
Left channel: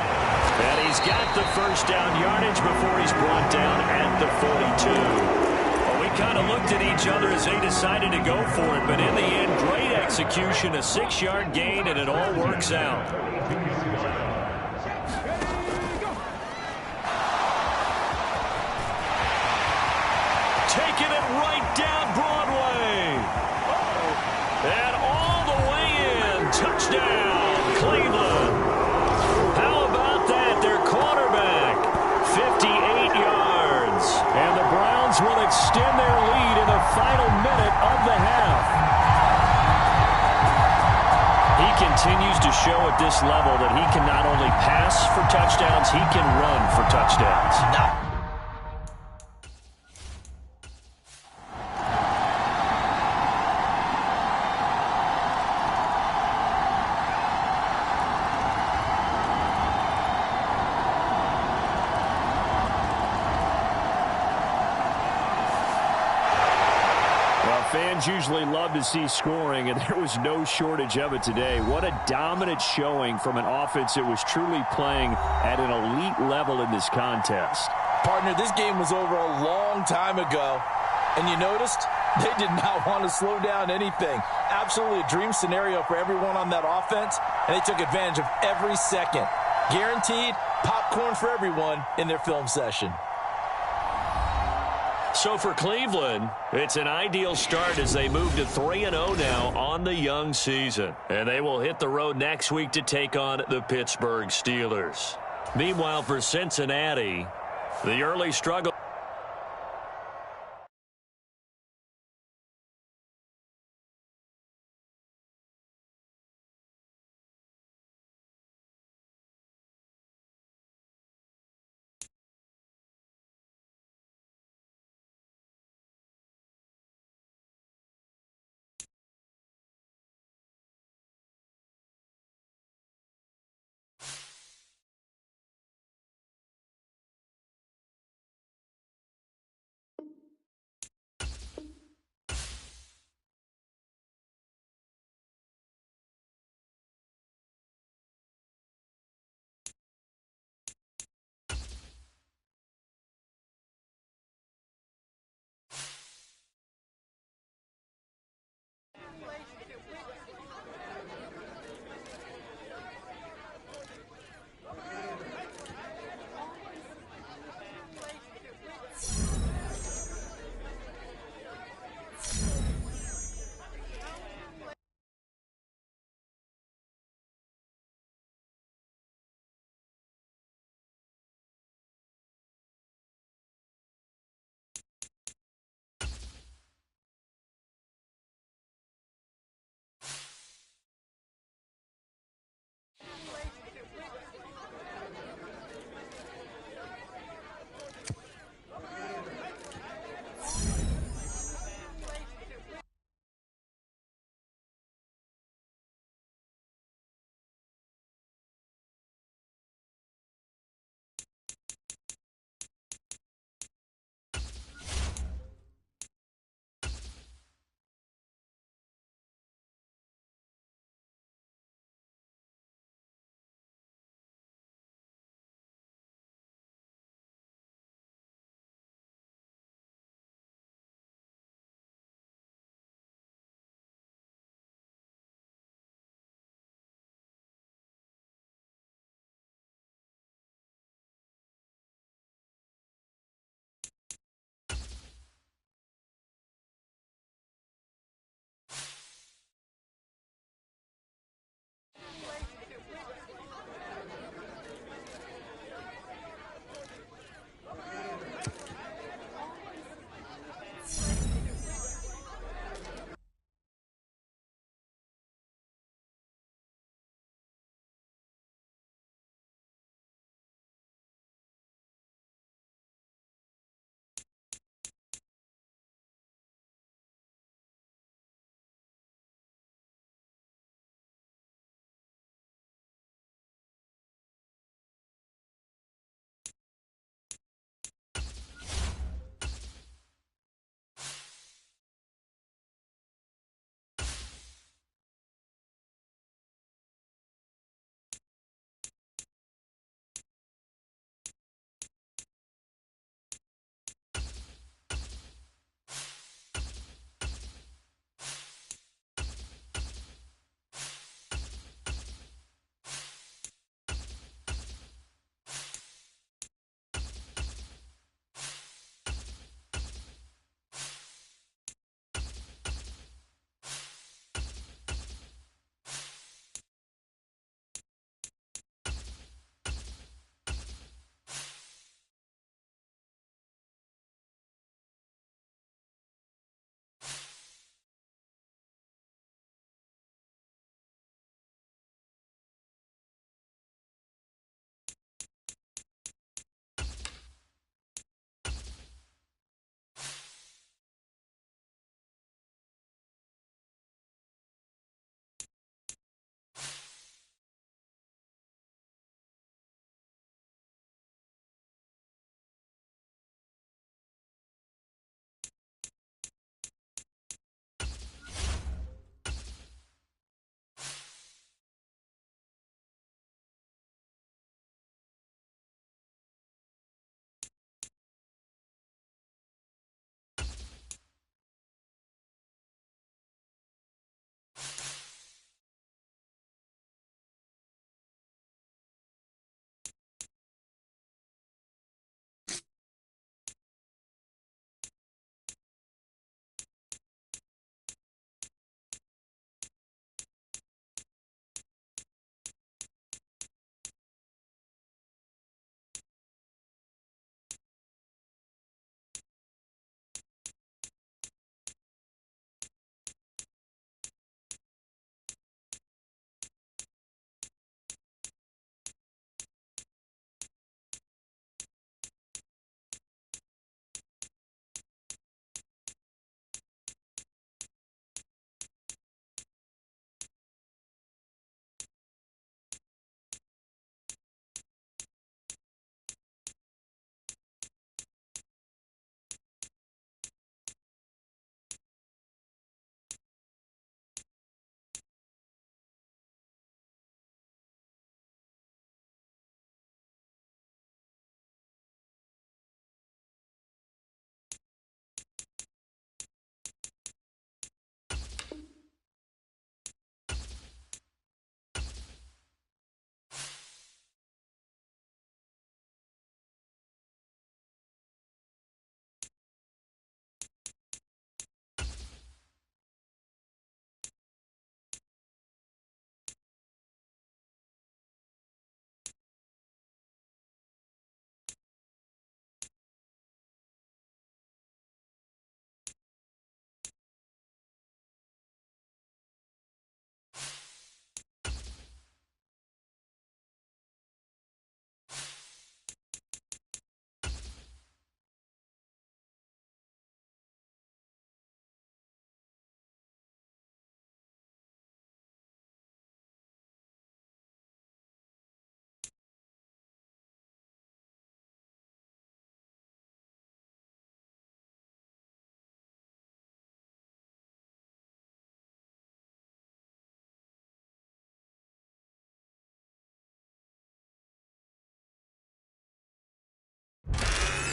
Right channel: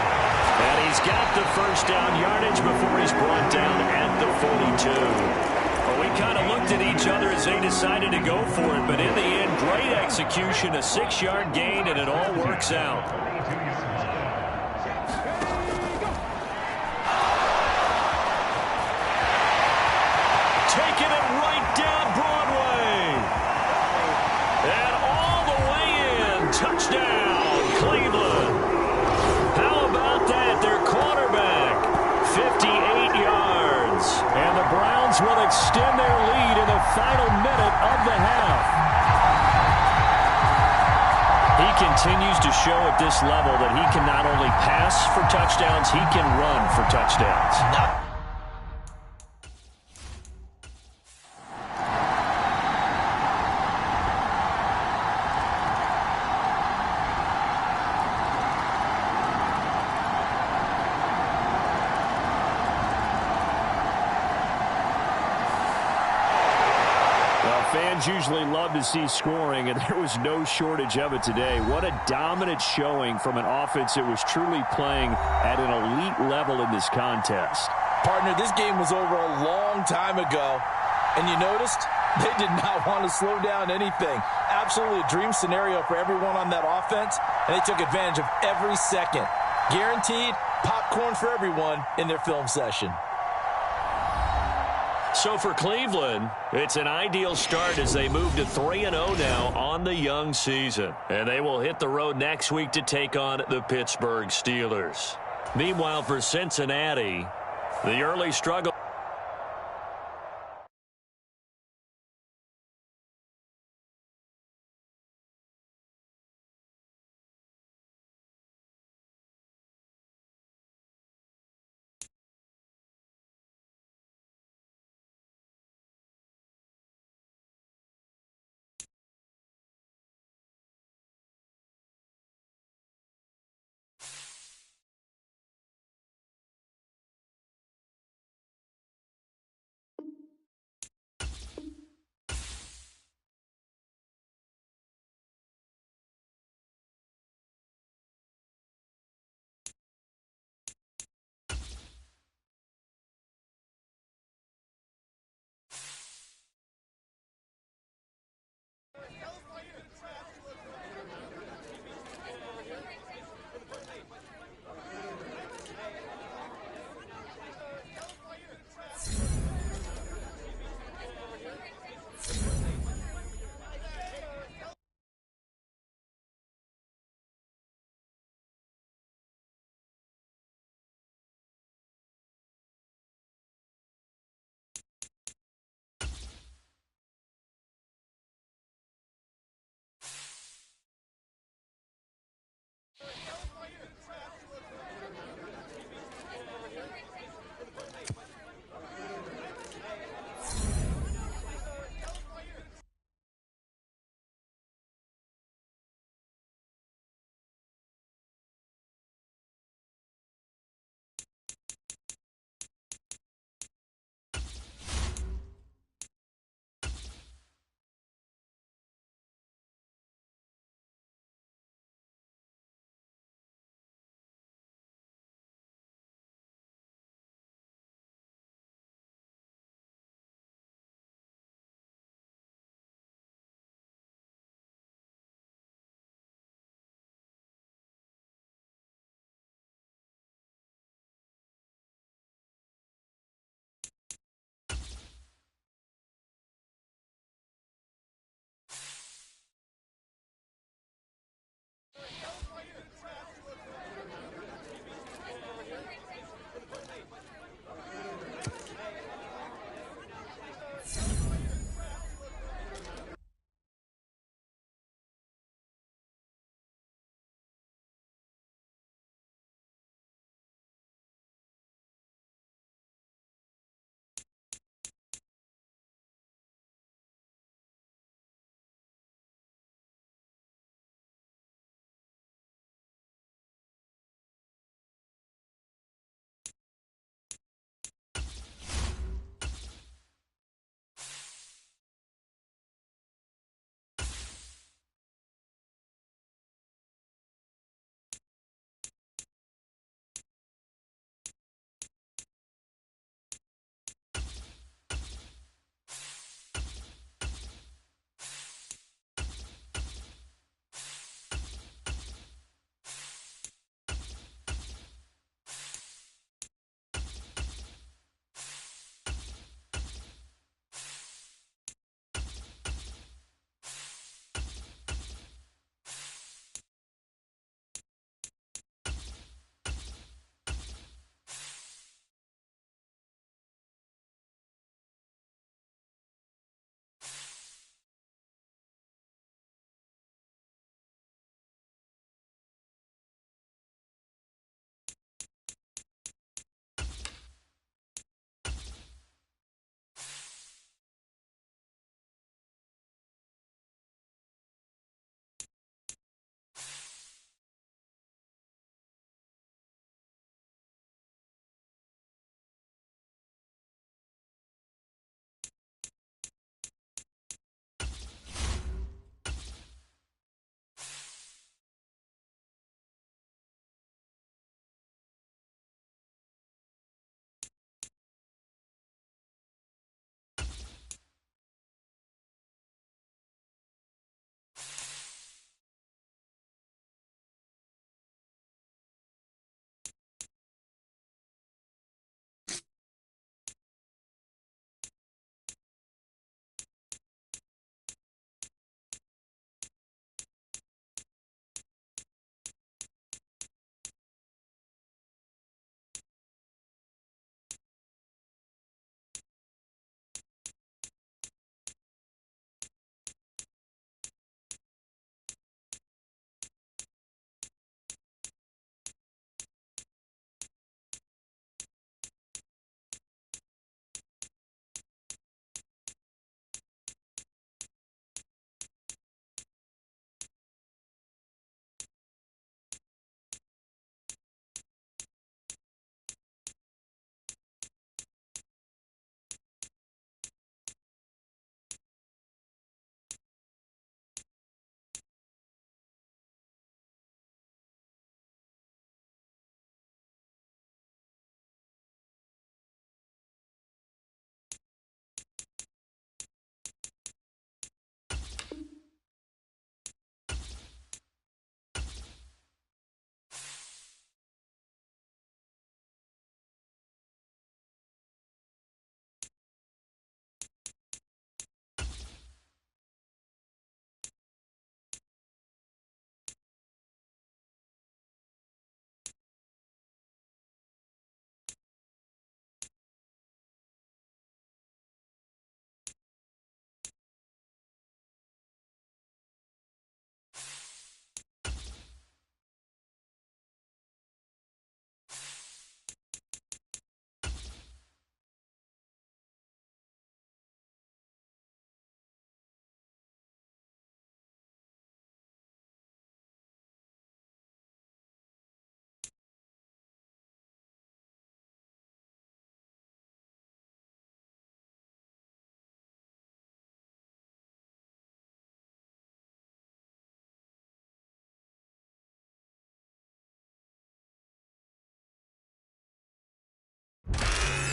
And he's got the first down yardage before he's brought down at the 42. Well, we kind of looked at each other as they decided to go for it, but in the end, great execution, a 6-yard gain, and it all works out. Taking it right down Broadway. And all the way in. Touchdown, Cleveland. How about that? Their quarterback, 58 yards. And the Browns will extend their lead in the final minute of the half. He continues to show at this level that he can not only pass for touchdowns, he can run for touchdowns. Fans usually love to see scoring, and there was no shortage of it today. What a dominant showing from an offense that was truly playing at an elite level in this contest. Partner, this game was over a long time ago, and you noticed they did not want to slow down anything. Absolutely a dream scenario for everyone on that offense, and they took advantage of every second. Guaranteed popcorn for everyone in their film session. So for Cleveland, it's an ideal start as they move to 3-0 now on the young season. And they will hit the road next week to take on the Pittsburgh Steelers. Meanwhile, for Cincinnati, the early struggle.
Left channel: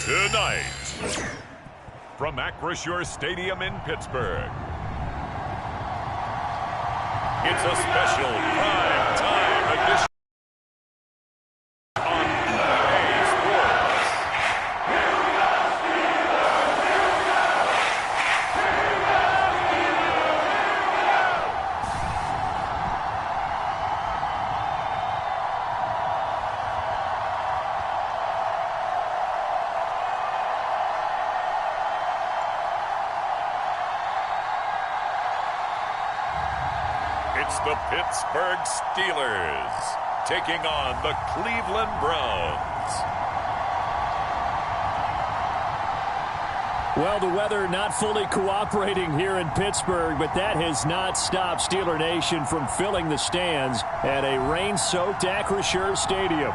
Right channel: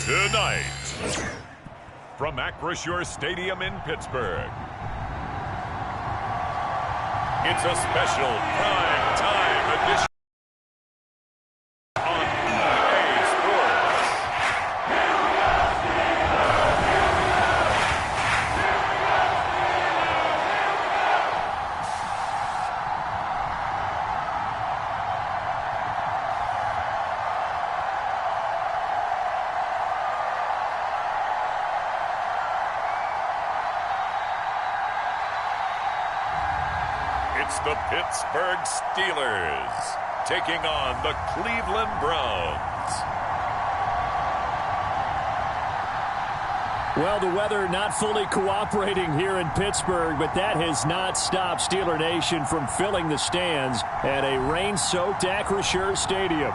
Tonight, from Acrisure Stadium in Pittsburgh, it's a special prime time edition on EA Sports. It's the Pittsburgh Steelers taking on the Cleveland Browns. Well, the weather not fully cooperating here in Pittsburgh, but that has not stopped Steeler Nation from filling the stands at a rain-soaked Acrisure Stadium.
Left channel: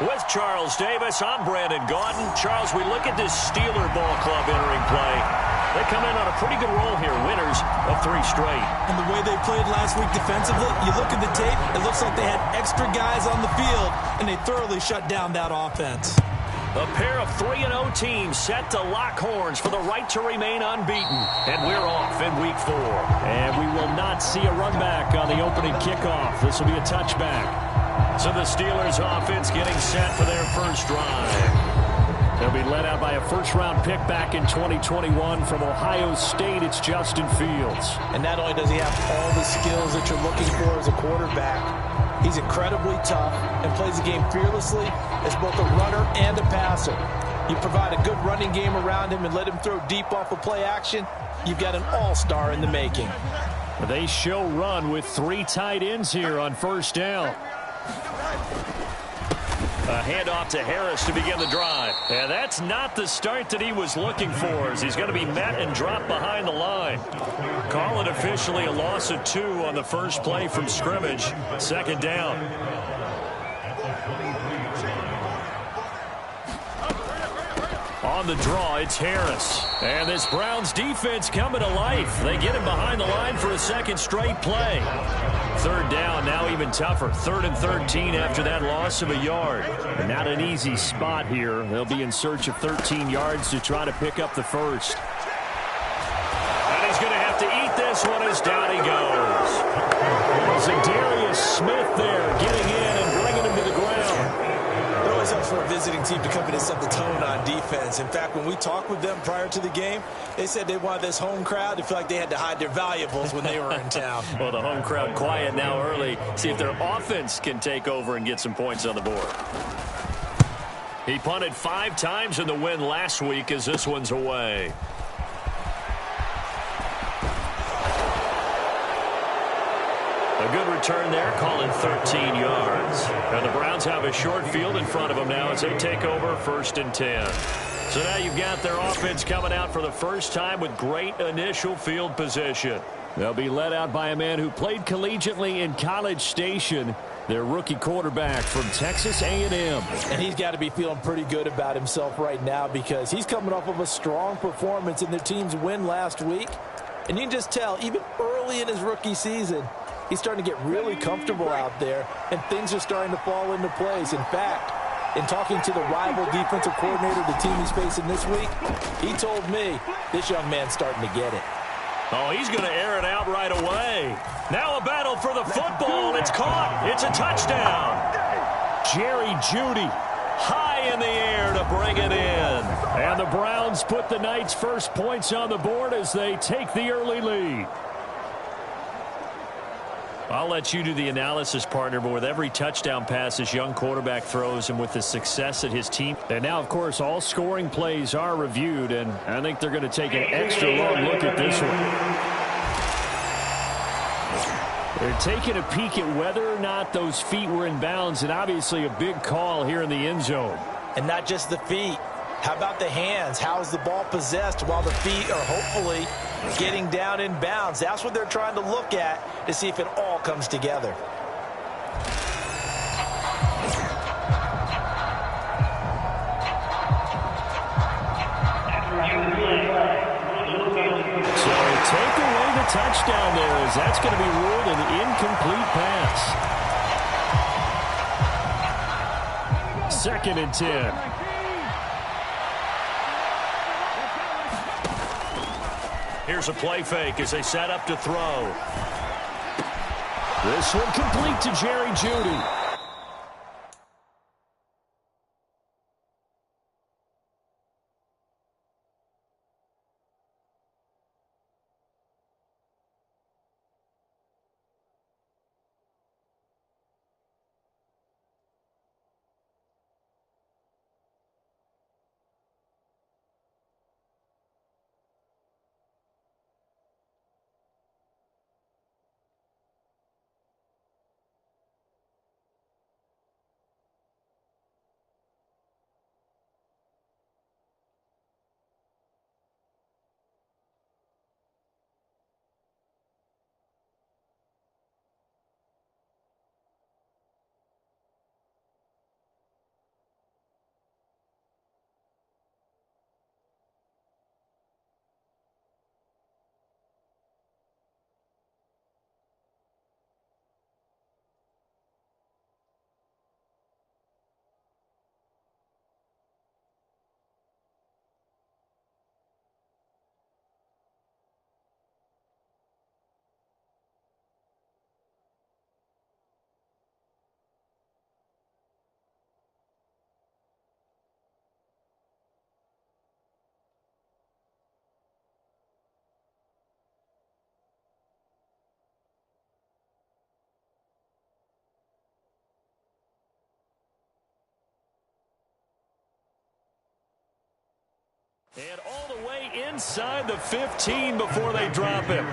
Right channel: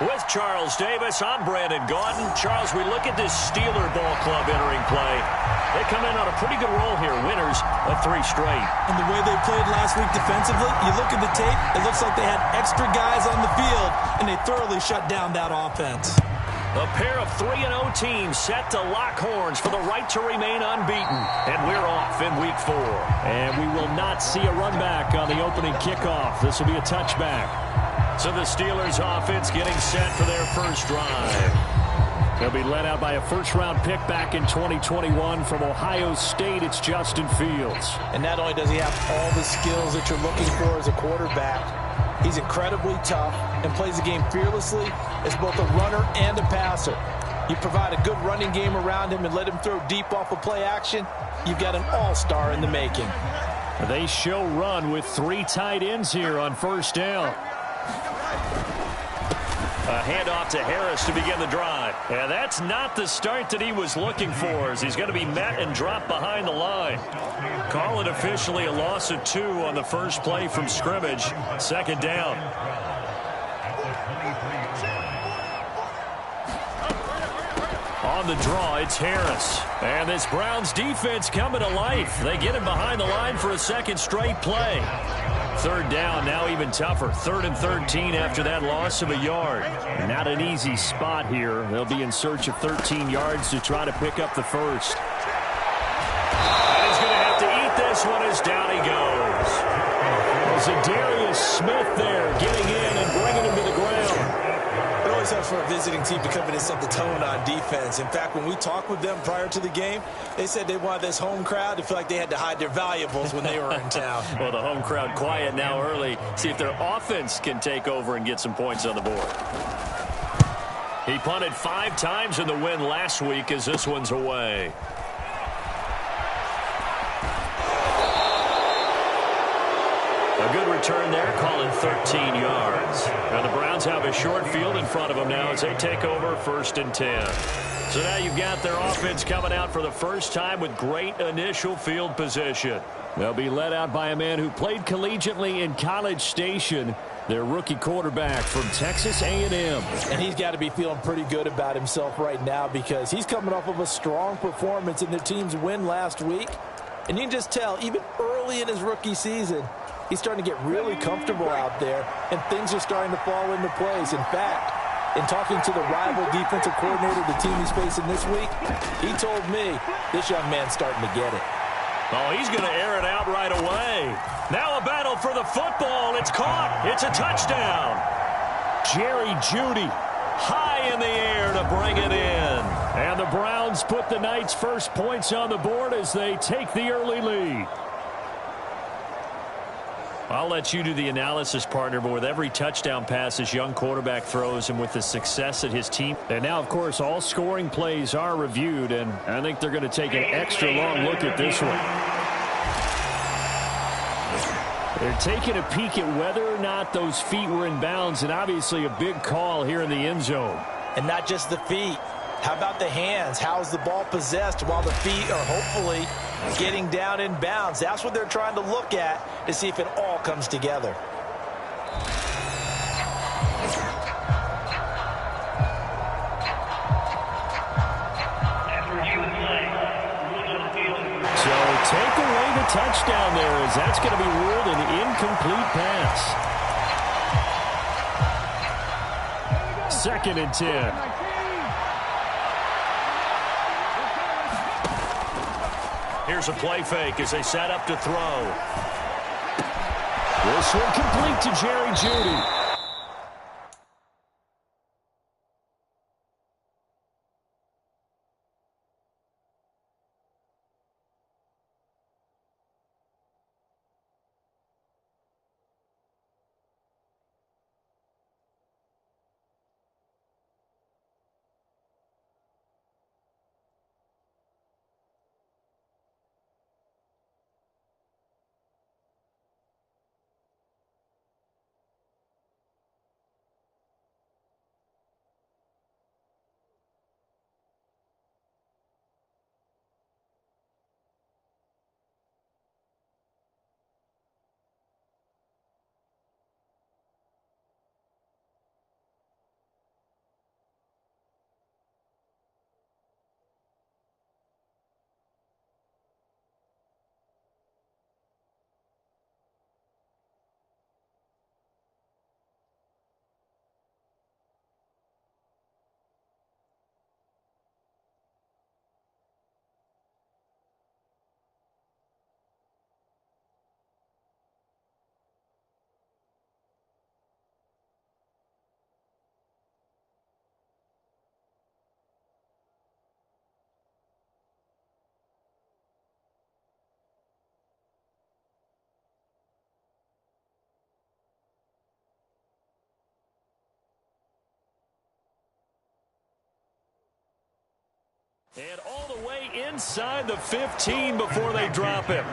With Charles Davis, I'm Brandon Gaudin. Charles, we look at this Steeler ball club entering play. They come in on a pretty good roll here, winners of 3 straight. And the way they played last week defensively, you look at the tape, it looks like they had extra guys on the field, and they thoroughly shut down that offense. A pair of 3-0 teams set to lock horns for the right to remain unbeaten. And we're off in week 4. And we will not see a run back on the opening kickoff. This will be a touchback. So the Steelers offense getting set for their first drive. They'll be led out by a first-round pick back in 2021 from Ohio State. It's Justin Fields. And not only does he have all the skills that you're looking for as a quarterback, he's incredibly tough and plays the game fearlessly as both a runner and a passer. You provide a good running game around him and let him throw deep off of play action, you've got an all-star in the making. They show run with 3 tight ends here on first down. A handoff to Harris to begin the drive. And that's not the start that he was looking for, as he's going to be met and dropped behind the line. Call it officially a loss of 2 on the first play from scrimmage. Second down. On the draw, it's Harris. And this Browns defense coming to life. They get him behind the line for a second straight play. Third down, now even tougher. 3rd and 13 after that loss of a yard. And not an easy spot here. They'll be in search of 13 yards to try to pick up the first. And he's going to have to eat this one as down he goes. Well, Zadarius Smith there getting in and bringing him to the ground. It always helps for a visiting team to come in and set the tone on defense. In fact, when we talked with them prior to the game, they said they wanted this home crowd to feel like they had to hide their valuables when they were in town. Well, the home crowd quiet now early. See if their offense can take over and get some points on the board. He punted 5 times in the win last week as this one's away. A good return there, calling 13 yards. And the Browns have a short field in front of them now as they take over 1st and 10. So now you've got their offense coming out for the first time with great initial field position. They'll be led out by a man who played collegiately in College Station, their rookie quarterback from Texas A&M. And he's got to be feeling pretty good about himself right now because he's coming off of a strong performance in their team's win last week. And you can just tell, even early in his rookie season, he's starting to get really comfortable out there, and things are starting to fall into place. In fact, in talking to the rival defensive coordinator the team he's facing this week, he told me this young man's starting to get it. Oh, he's going to air it out right away. Now a battle for the football. It's caught. It's a touchdown. Jerry Jeudy high in the air to bring it in. And the Browns put the night's first points on the board as they take the early lead. I'll let you do the analysis, partner, but with every touchdown pass this young quarterback throws and with the success that his team. And now, of course, all scoring plays are reviewed, and I think they're going to take an extra long look at this one. They're taking a peek at whether or not those feet were in bounds, and obviously a big call here in the end zone. And not just the feet. How about the hands? How is the ball possessed while the feet are hopefully getting down in bounds? That's what they're trying to look at to see if it all comes together. So take away the touchdown there, as that's going to be ruled an incomplete pass. 2nd and 10. Here's a play fake as they set up to throw. This one complete to Jerry Jeudy. And all the way inside the 15 before they drop him.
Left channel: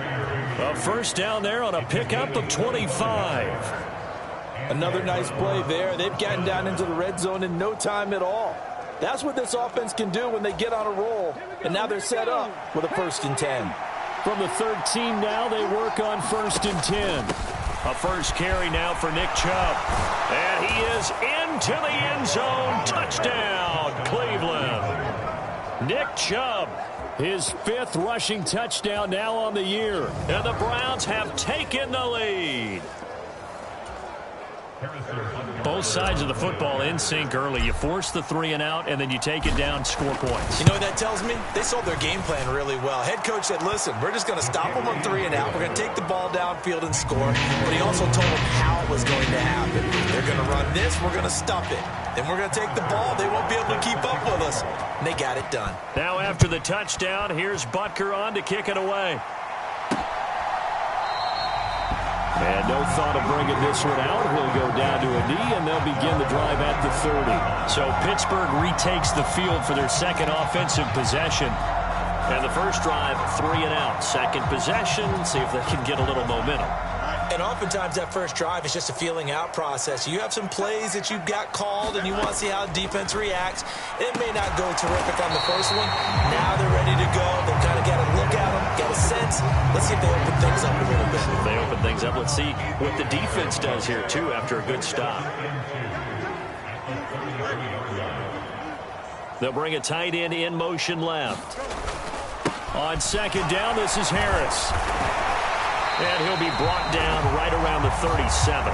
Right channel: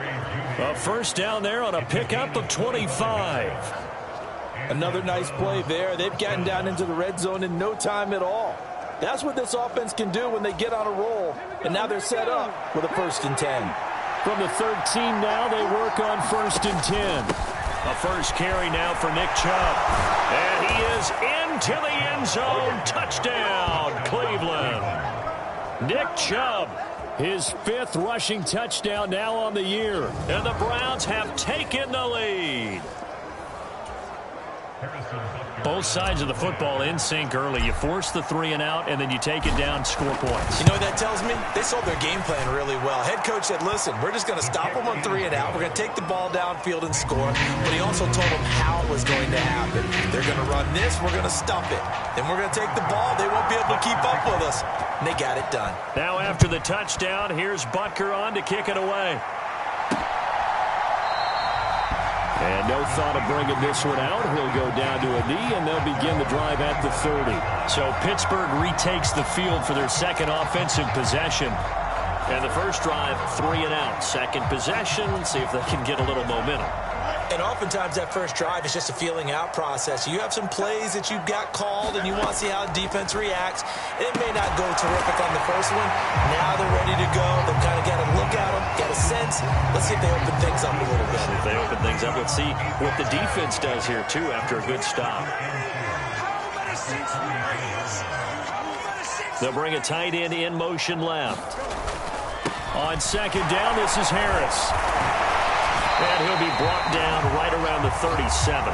A first down there on a pickup of 25. Another nice play there. They've gotten down into the red zone in no time at all. That's what this offense can do when they get on a roll. And now they're set up with a 1st and 10. From the 13 now, they work on 1st and 10. A first carry now for Nick Chubb. And he is into the end zone. Touchdown, Cleveland. Nick Chubb, his 5th rushing touchdown now on the year. And the Browns have taken the lead. Both sides of the football in sync early. You force the 3 and out, and then you take it down, score points. You know what that tells me? They sold their game plan really well. Head coach said, listen, we're just going to stop them on 3 and out. We're going to take the ball downfield and score. But he also told them how it was going to happen. They're going to run this. We're going to stuff it. Then we're going to take the ball. They won't be able to keep up with us. And they got it done. Now after the touchdown, here's Butker on to kick it away. And no thought of bringing this one out. He'll go down to a knee, and they'll begin the drive at the 30. So Pittsburgh retakes the field for their 2nd offensive possession. And the first drive, 3 and out. 2nd possession, see if they can get a little momentum. And oftentimes that first drive is just a feeling out process. You have some plays that you've got called and you want to see how defense reacts. It may not go terrific on the first one. Now they're ready to go. They've kind of got to look at them, get a sense. Let's see if they open things up a little bit. If they open things up, let's see what the defense does here, too, after a good stop. They'll bring a tight end in motion left. On 2nd down, this is Harris. And he'll be brought down right around the 37.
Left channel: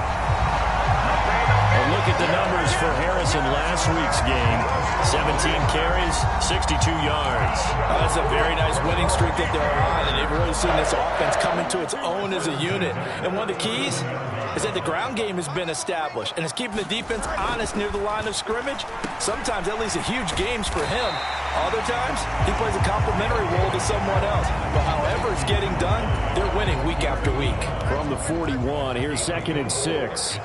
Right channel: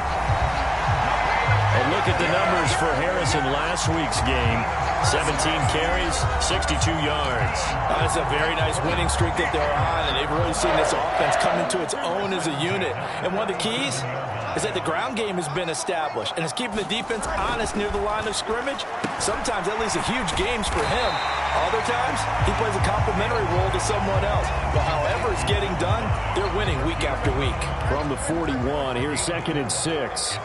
A look at the numbers for Harris in last week's game. 17 carries, 62 yards. That's a very nice winning streak that they're on, and they've really seen this offense come into its own as a unit. And one of the keys is that the ground game has been established, and it's keeping the defense honest near the line of scrimmage. Sometimes that leads to huge games for him. Other times, he plays a complementary role to someone else. But however it's getting done, they're winning week after week. From the 41, here's 2nd and 6.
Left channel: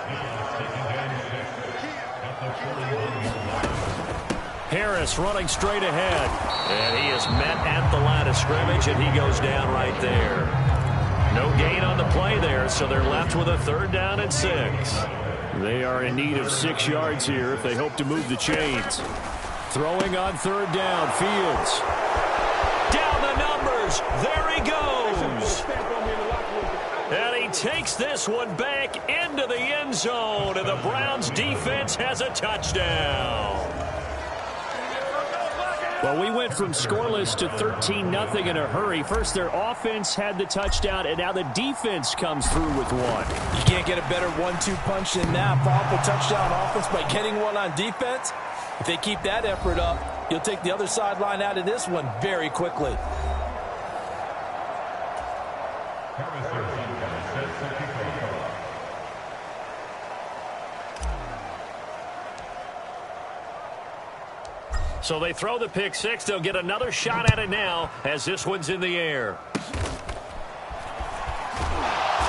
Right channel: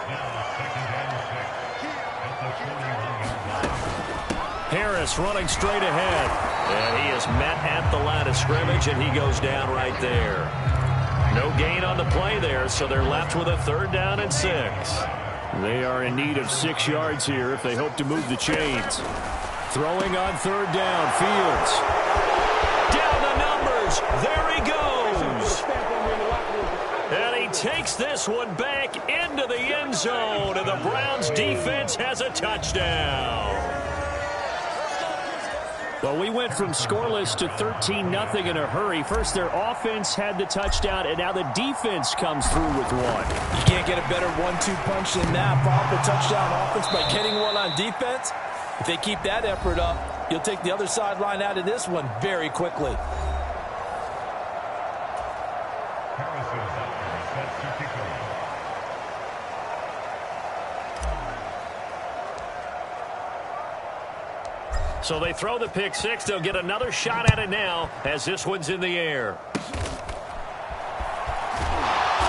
Harris running straight ahead. And he is met at the line of scrimmage, and he goes down right there. No gain on the play there, so they're left with a 3rd down and 6. They are in need of 6 yards here if they hope to move the chains. Throwing on third down, Fields. Down the numbers. There he goes. And he takes this one back into the end zone, and the Browns defense has a touchdown. Well, we went from scoreless to 13-0 in a hurry. First, their offense had the touchdown, and now the defense comes through with one. You can't get a better 1-2 punch than that. Follow up a touchdown offense by getting one on defense. If they keep that effort up, you'll take the other sideline out of this one very quickly. So they throw the pick six. They'll get another shot at it now as this one's in the air.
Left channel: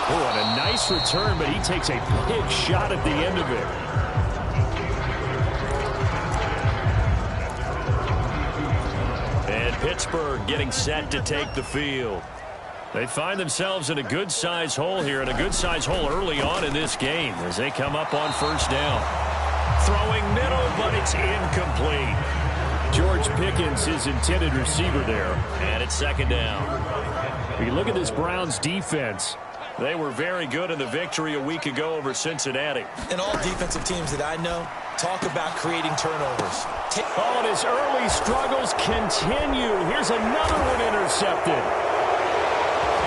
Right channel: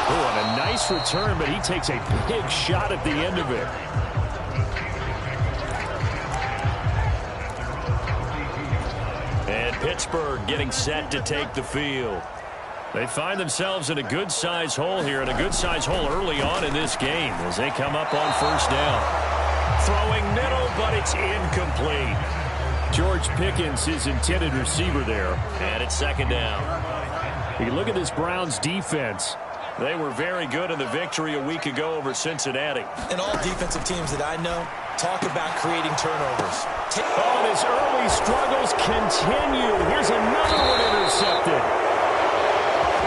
Oh, and a nice return, but he takes a big shot at the end of it. And Pittsburgh getting set to take the field. They find themselves in a good-size hole here, and a good-size hole early on in this game as they come up on first down. Throwing middle, but it's incomplete. George Pickens, his intended receiver there. And it's second down. You look at this Browns defense. They were very good in the victory a week ago over Cincinnati. And all defensive teams that I know talk about creating turnovers. Oh, and his early struggles continue. Here's another one intercepted.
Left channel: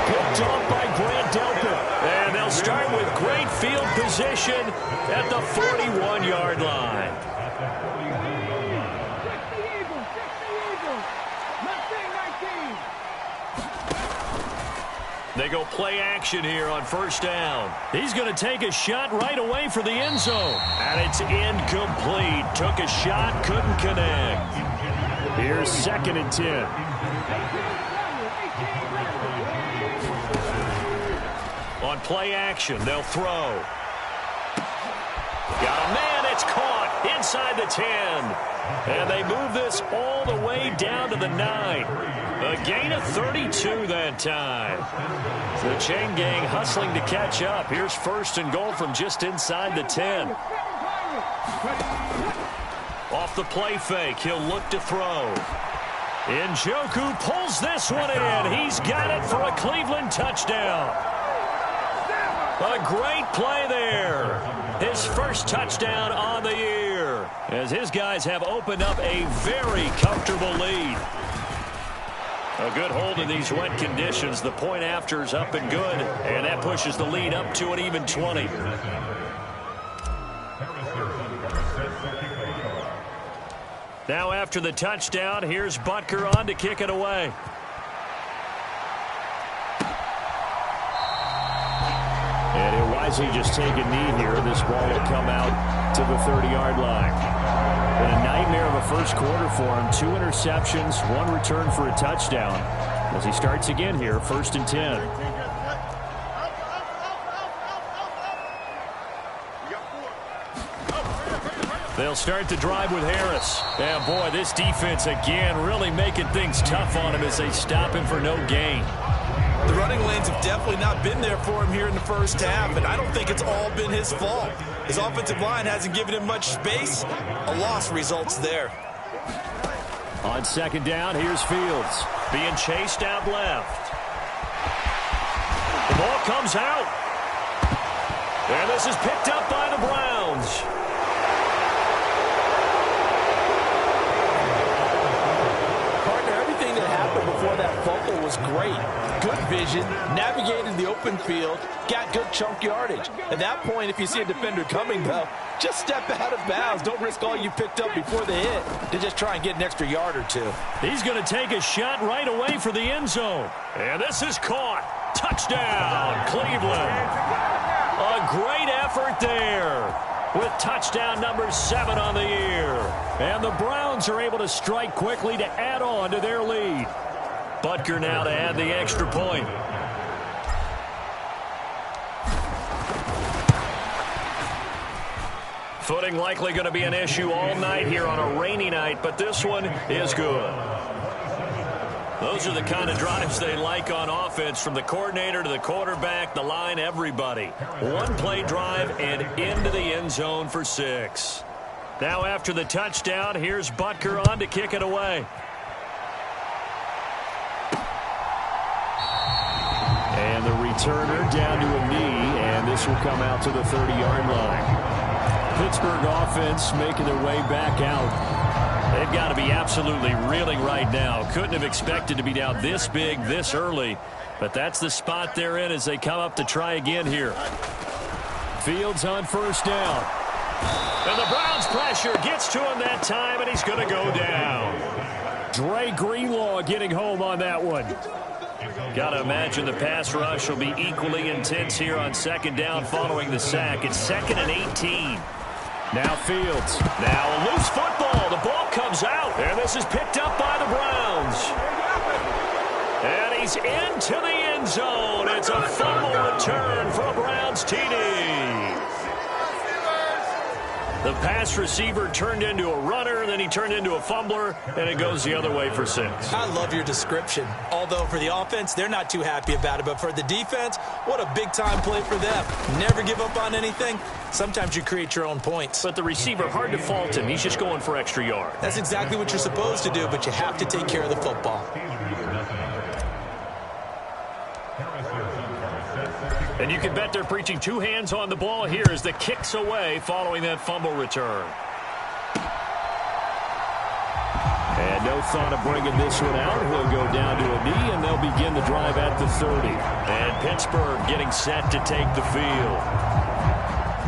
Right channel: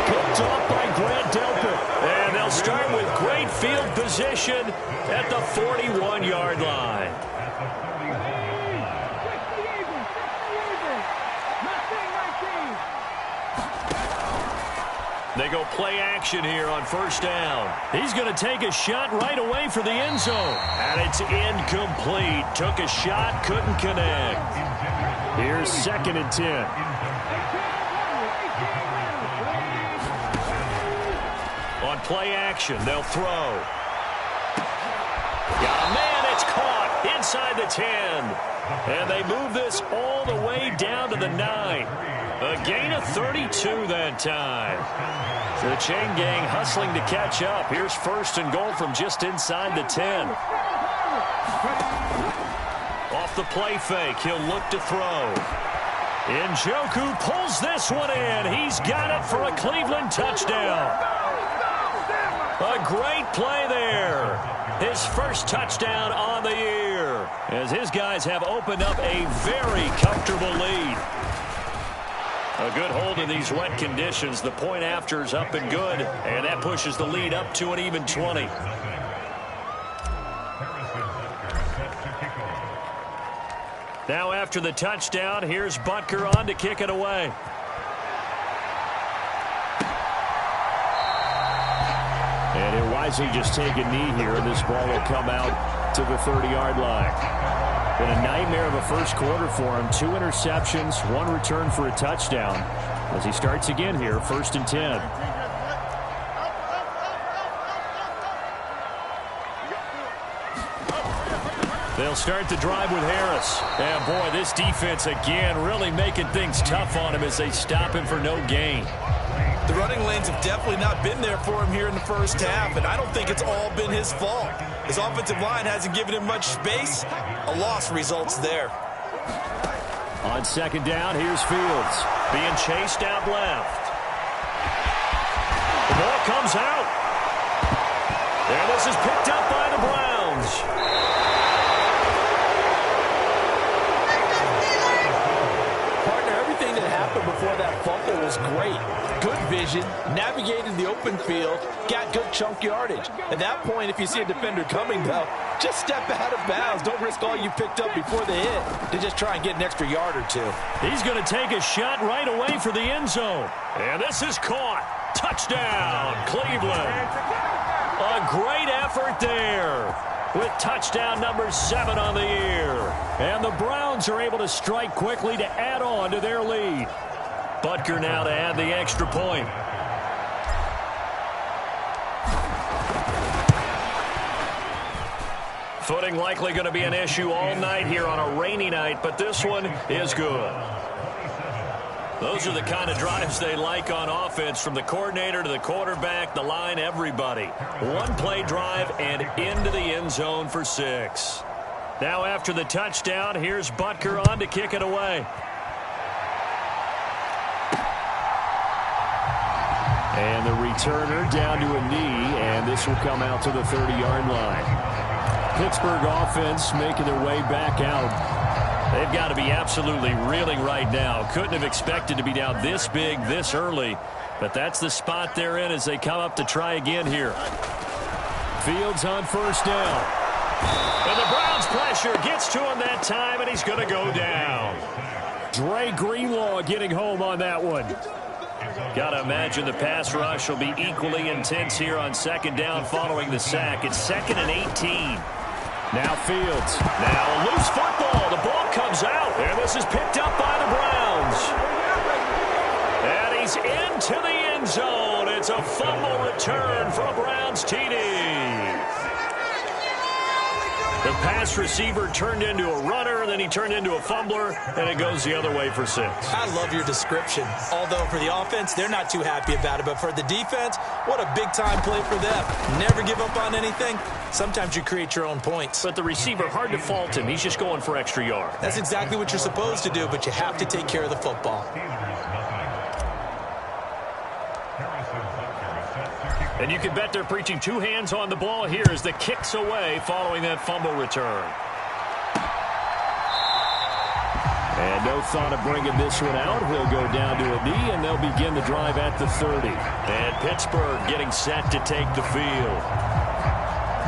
Picked off by Grant Delpit. And they'll start with great field position at the 41-yard line. They go play action here on first down. He's going to take a shot right away for the end zone. And it's incomplete. Took a shot, couldn't connect. Here's 2nd and 10. On play action, they'll throw. Got a man, it's caught inside the 10. And they move this all the way down to the 9. A gain of 32 that time. The chain gang hustling to catch up. Here's 1st and goal from just inside the 10. Off the play fake, he'll look to throw. Njoku pulls this one in. He's got it for a Cleveland touchdown. A great play there. His first touchdown on the year, as his guys have opened up a very comfortable lead. A good hold in these wet conditions. The point after is up and good, and that pushes the lead up to an even 20. Now after the touchdown, here's Butker on to kick it away. And he'll wisely just take a knee here, and this ball will come out to the 30-yard line. Been a nightmare of a first quarter for him. 2 interceptions, 1 return for a touchdown. As he starts again here, 1st and 10. They'll start the drive with Harris. And boy, this defense again really making things tough on him as they stop him for no gain. The running lanes have definitely not been there for him here in the first half, and I don't think it's all been his fault. His offensive line hasn't given him much space. A loss results there. On 2nd down, here's Fields. Being chased out left. The ball comes out. And this is picked up by the Browns. Partner, everything that happened before that fumble was great. Good vision, navigated the open field, got good chunk yardage. At that point, if you see a defender coming, though, just step out of bounds. Don't risk all you picked up before the hit to just try and get an extra yard or two. He's going to take a shot right away for the end zone. And this is caught. Touchdown, Cleveland. A great effort there with touchdown number 7 on the year. And the Browns are able to strike quickly to add on to their lead. Butker now to add the extra point. Footing likely going to be an issue all night here on a rainy night, but this one is good. Those are the kind of drives they like on offense, from the coordinator to the quarterback, the line, everybody. 1 play drive and into the end zone for 6. Now after the touchdown, here's Butker on to kick it away. And the returner down to a knee, and this will come out to the 30-yard line. Pittsburgh offense making their way back out. They've got to be absolutely reeling right now. Couldn't have expected to be down this big, this early. But that's the spot they're in as they come up to try again here. Fields on first down. And the Browns pressure gets to him that time, and he's going to go down. Dre Greenlaw getting home on that one. Got to imagine the pass rush will be equally intense here on second down following the sack. It's 2nd and 18. Now Fields. Now a loose football. The ball comes out. And this is picked up by the Browns. And he's into the end zone. It's a fumble return for a Browns TD. The pass receiver turned into a runner, then he turned into a fumbler, and it goes the other way for 6. I love your description. Although for the offense, they're not too happy about it. But for the defense, what a big-time play for them. Never give up on anything. Sometimes you create your own points. But the receiver, hard to fault him. He's just going for extra yard. That's exactly what you're supposed to do, but you have to take care of the football. And you can bet they're preaching 2 hands on the ball here as the kick's away following that fumble return. And no thought of bringing this one out. He'll go down to a knee, and they'll begin the drive at the 30. And Pittsburgh getting set to take the field.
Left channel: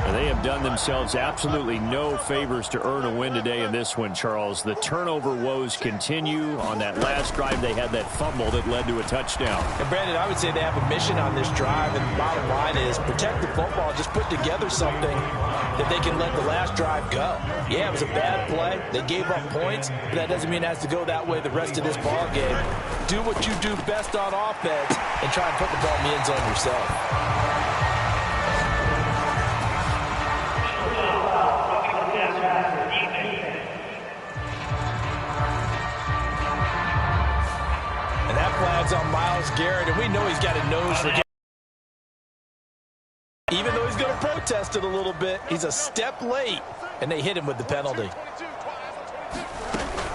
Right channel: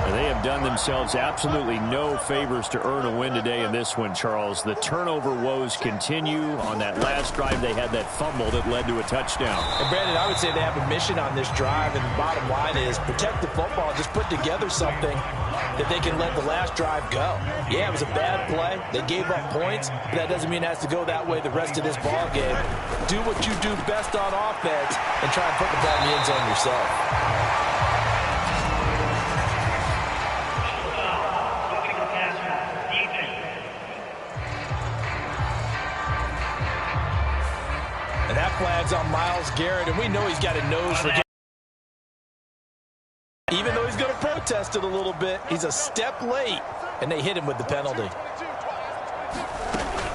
And they have done themselves absolutely no favors to earn a win today in this one, Charles. The turnover woes continue. On that last drive, they had that fumble that led to a touchdown. And Brandon, I would say they have a mission on this drive, and the bottom line is protect the football. Just put together something that they can let the last drive go. Yeah, it was a bad play. They gave up points, but that doesn't mean it has to go that way the rest of this ball game. Do what you do best on offense and try and put the ball in the end zone yourself. And that flag's on Myles Garrett, and we know he's got a nose for getting. Even though he's going to protest it a little bit, he's a step late, and they hit him with the penalty.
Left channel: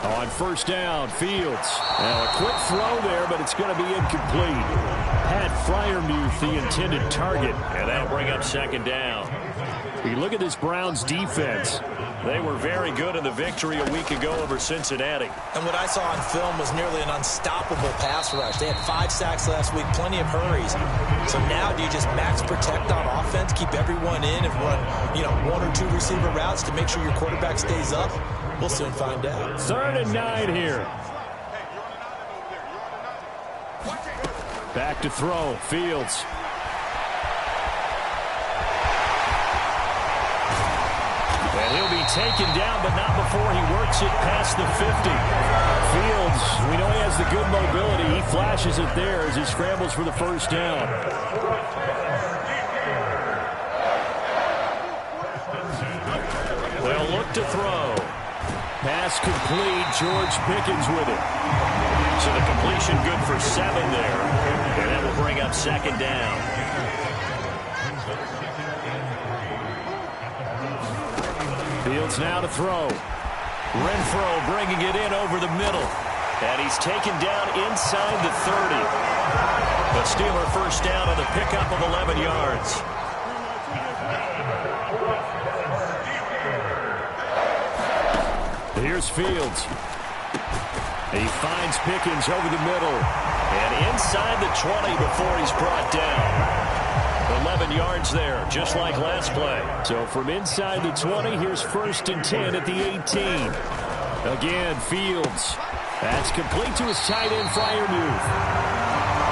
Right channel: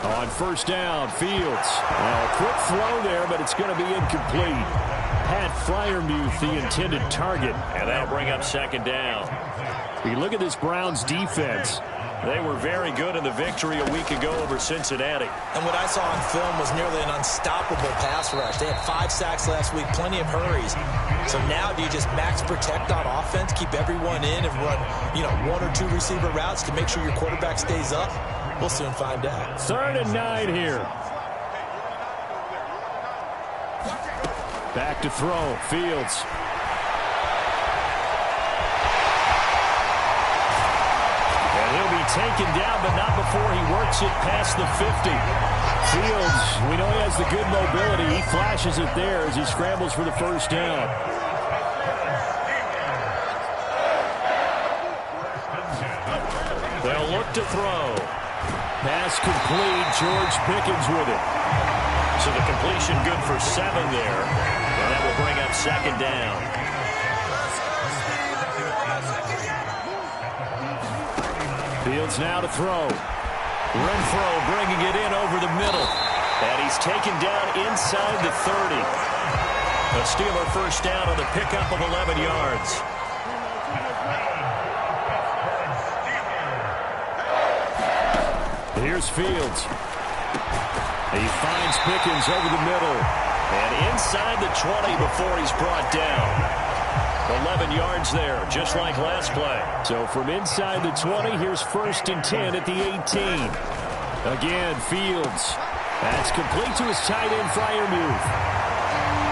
On first down, Fields. Now a quick throw there, but it's going to be incomplete. Pat Freiermuth, the intended target. And that'll bring up second down. You look at this Browns defense. They were very good in the victory a week ago over Cincinnati. And what I saw on film was nearly an unstoppable pass rush. They had 5 sacks last week, plenty of hurries. So now do you just max protect on offense, keep everyone in, and run, 1 or 2 receiver routes to make sure your quarterback stays up? We'll soon find out. 3rd and 9 here. Back to throw. Fields. And he'll be taken down, but not before he works it past the 50. Fields, we know he has the good mobility. He flashes it there as he scrambles for the first down. They'll look to throw. Pass complete. George Pickens with it. So the completion good for 7 there. And that will bring up second down. Fields now to throw. Renfro bringing it in over the middle. And he's taken down inside the 30. A Steeler first down on the pickup of 11 yards. Here's Fields. He finds Pickens over the middle. And inside the 20 before he's brought down. 11 yards there, just like last play. So from inside the 20, here's 1st and 10 at the 18. Again, Fields. That's complete to his tight end, Freiermuth.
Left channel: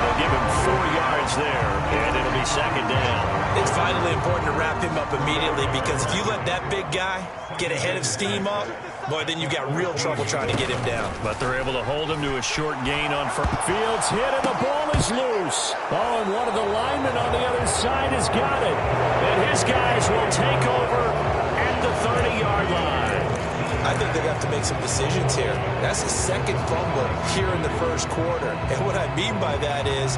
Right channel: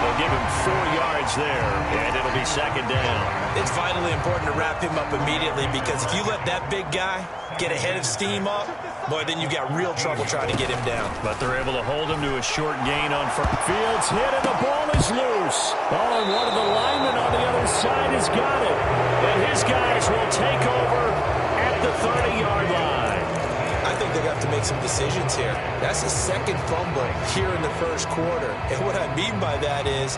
They'll give him 4 yards there, and it'll be second down. It's vitally important to wrap him up immediately, because if you let that big guy get ahead of steam up, boy, then you've got real trouble trying to get him down. But they're able to hold him to a short gain on first. Fields hit, and the ball is loose. Oh, and one of the linemen on the other side has got it. And his guys will take over at the 30-yard line. I think they're going to have to make some decisions here. That's his 2nd fumble here in the first quarter. And what I mean by that is,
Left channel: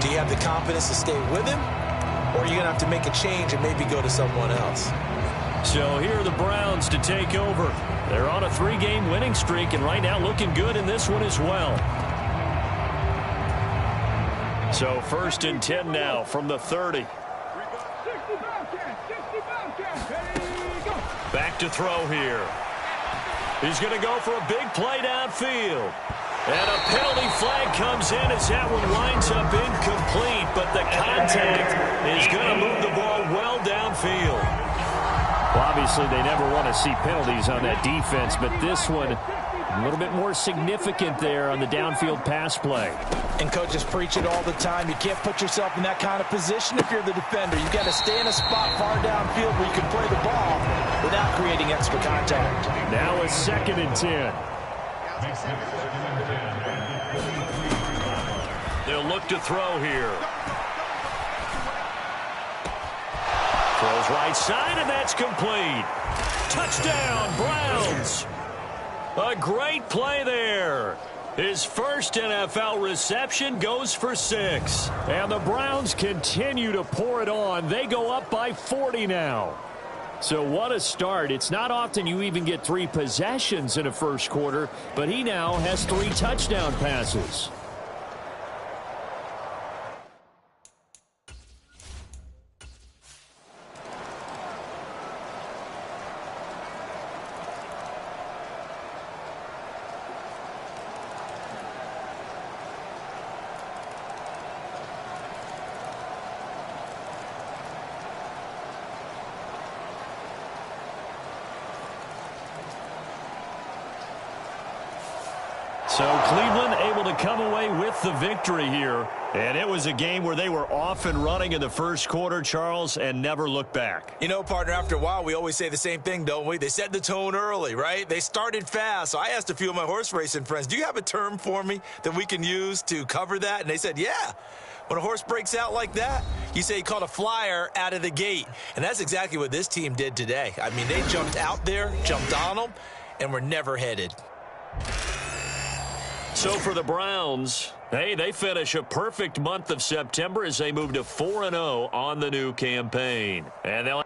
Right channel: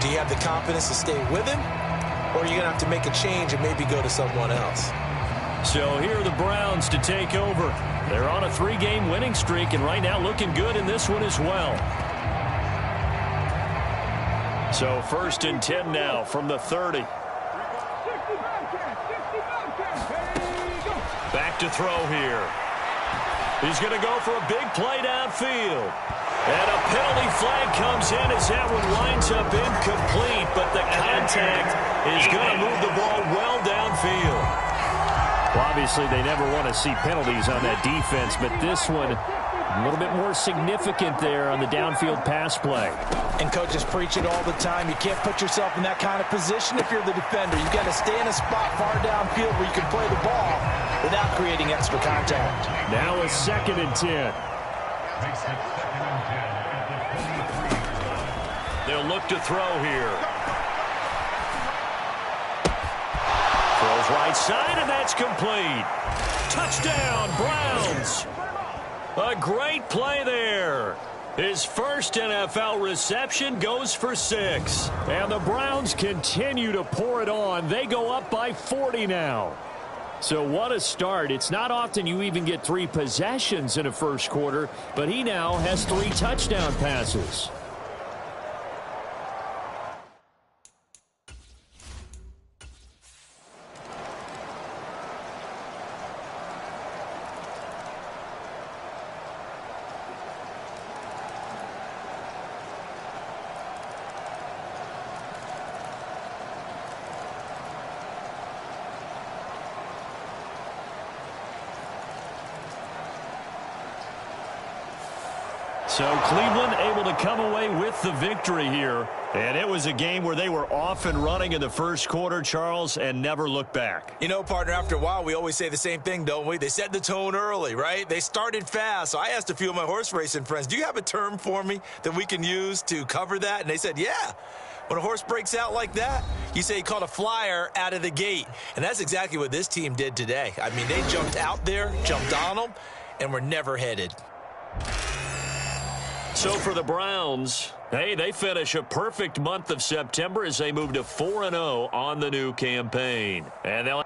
do you have the confidence to stay with him? Or are you going to have to make a change and maybe go to someone else? So here are the Browns to take over. They're on a 3-game winning streak, and right now looking good in this one as well. So 1st and 10 now from the 30. Back to throw here. He's going to go for a big play downfield. And a penalty flag comes in as that one winds up incomplete, but the contact is going to move the ball well downfield. Well, obviously, they never want to see penalties on that defense, but this one a little bit more significant there on the downfield pass play. And coaches preach it all the time. You can't put yourself in that kind of position if you're the defender. You've got to stay in a spot far downfield where you can play the ball without creating extra contact. Now it's 2nd and 10. They'll look to throw here. Throws right side, and that's complete. Touchdown, Browns. A great play there. His first NFL reception goes for 6. And the Browns continue to pour it on. They go up by 40 now. So what a start. It's not often you even get 3 possessions in a first quarter, but he now has 3 touchdown passes. So Cleveland able to come away with the victory here. And it was a game where they were off and running in the first quarter, Charles, and never looked back. You know, partner, after a while, we always say the same thing, don't we? They set the tone early, right? They started fast. So I asked a few of my horse racing friends, do you have a term for me that we can use to cover that? And they said, yeah. When a horse breaks out like that, you say he caught a flyer out of the gate. And that's exactly what this team did today. I mean, they jumped out there, jumped on them, and were never headed. So for the Browns, hey, they finish a perfect month of September as they move to 4-0 on the new campaign. And they'll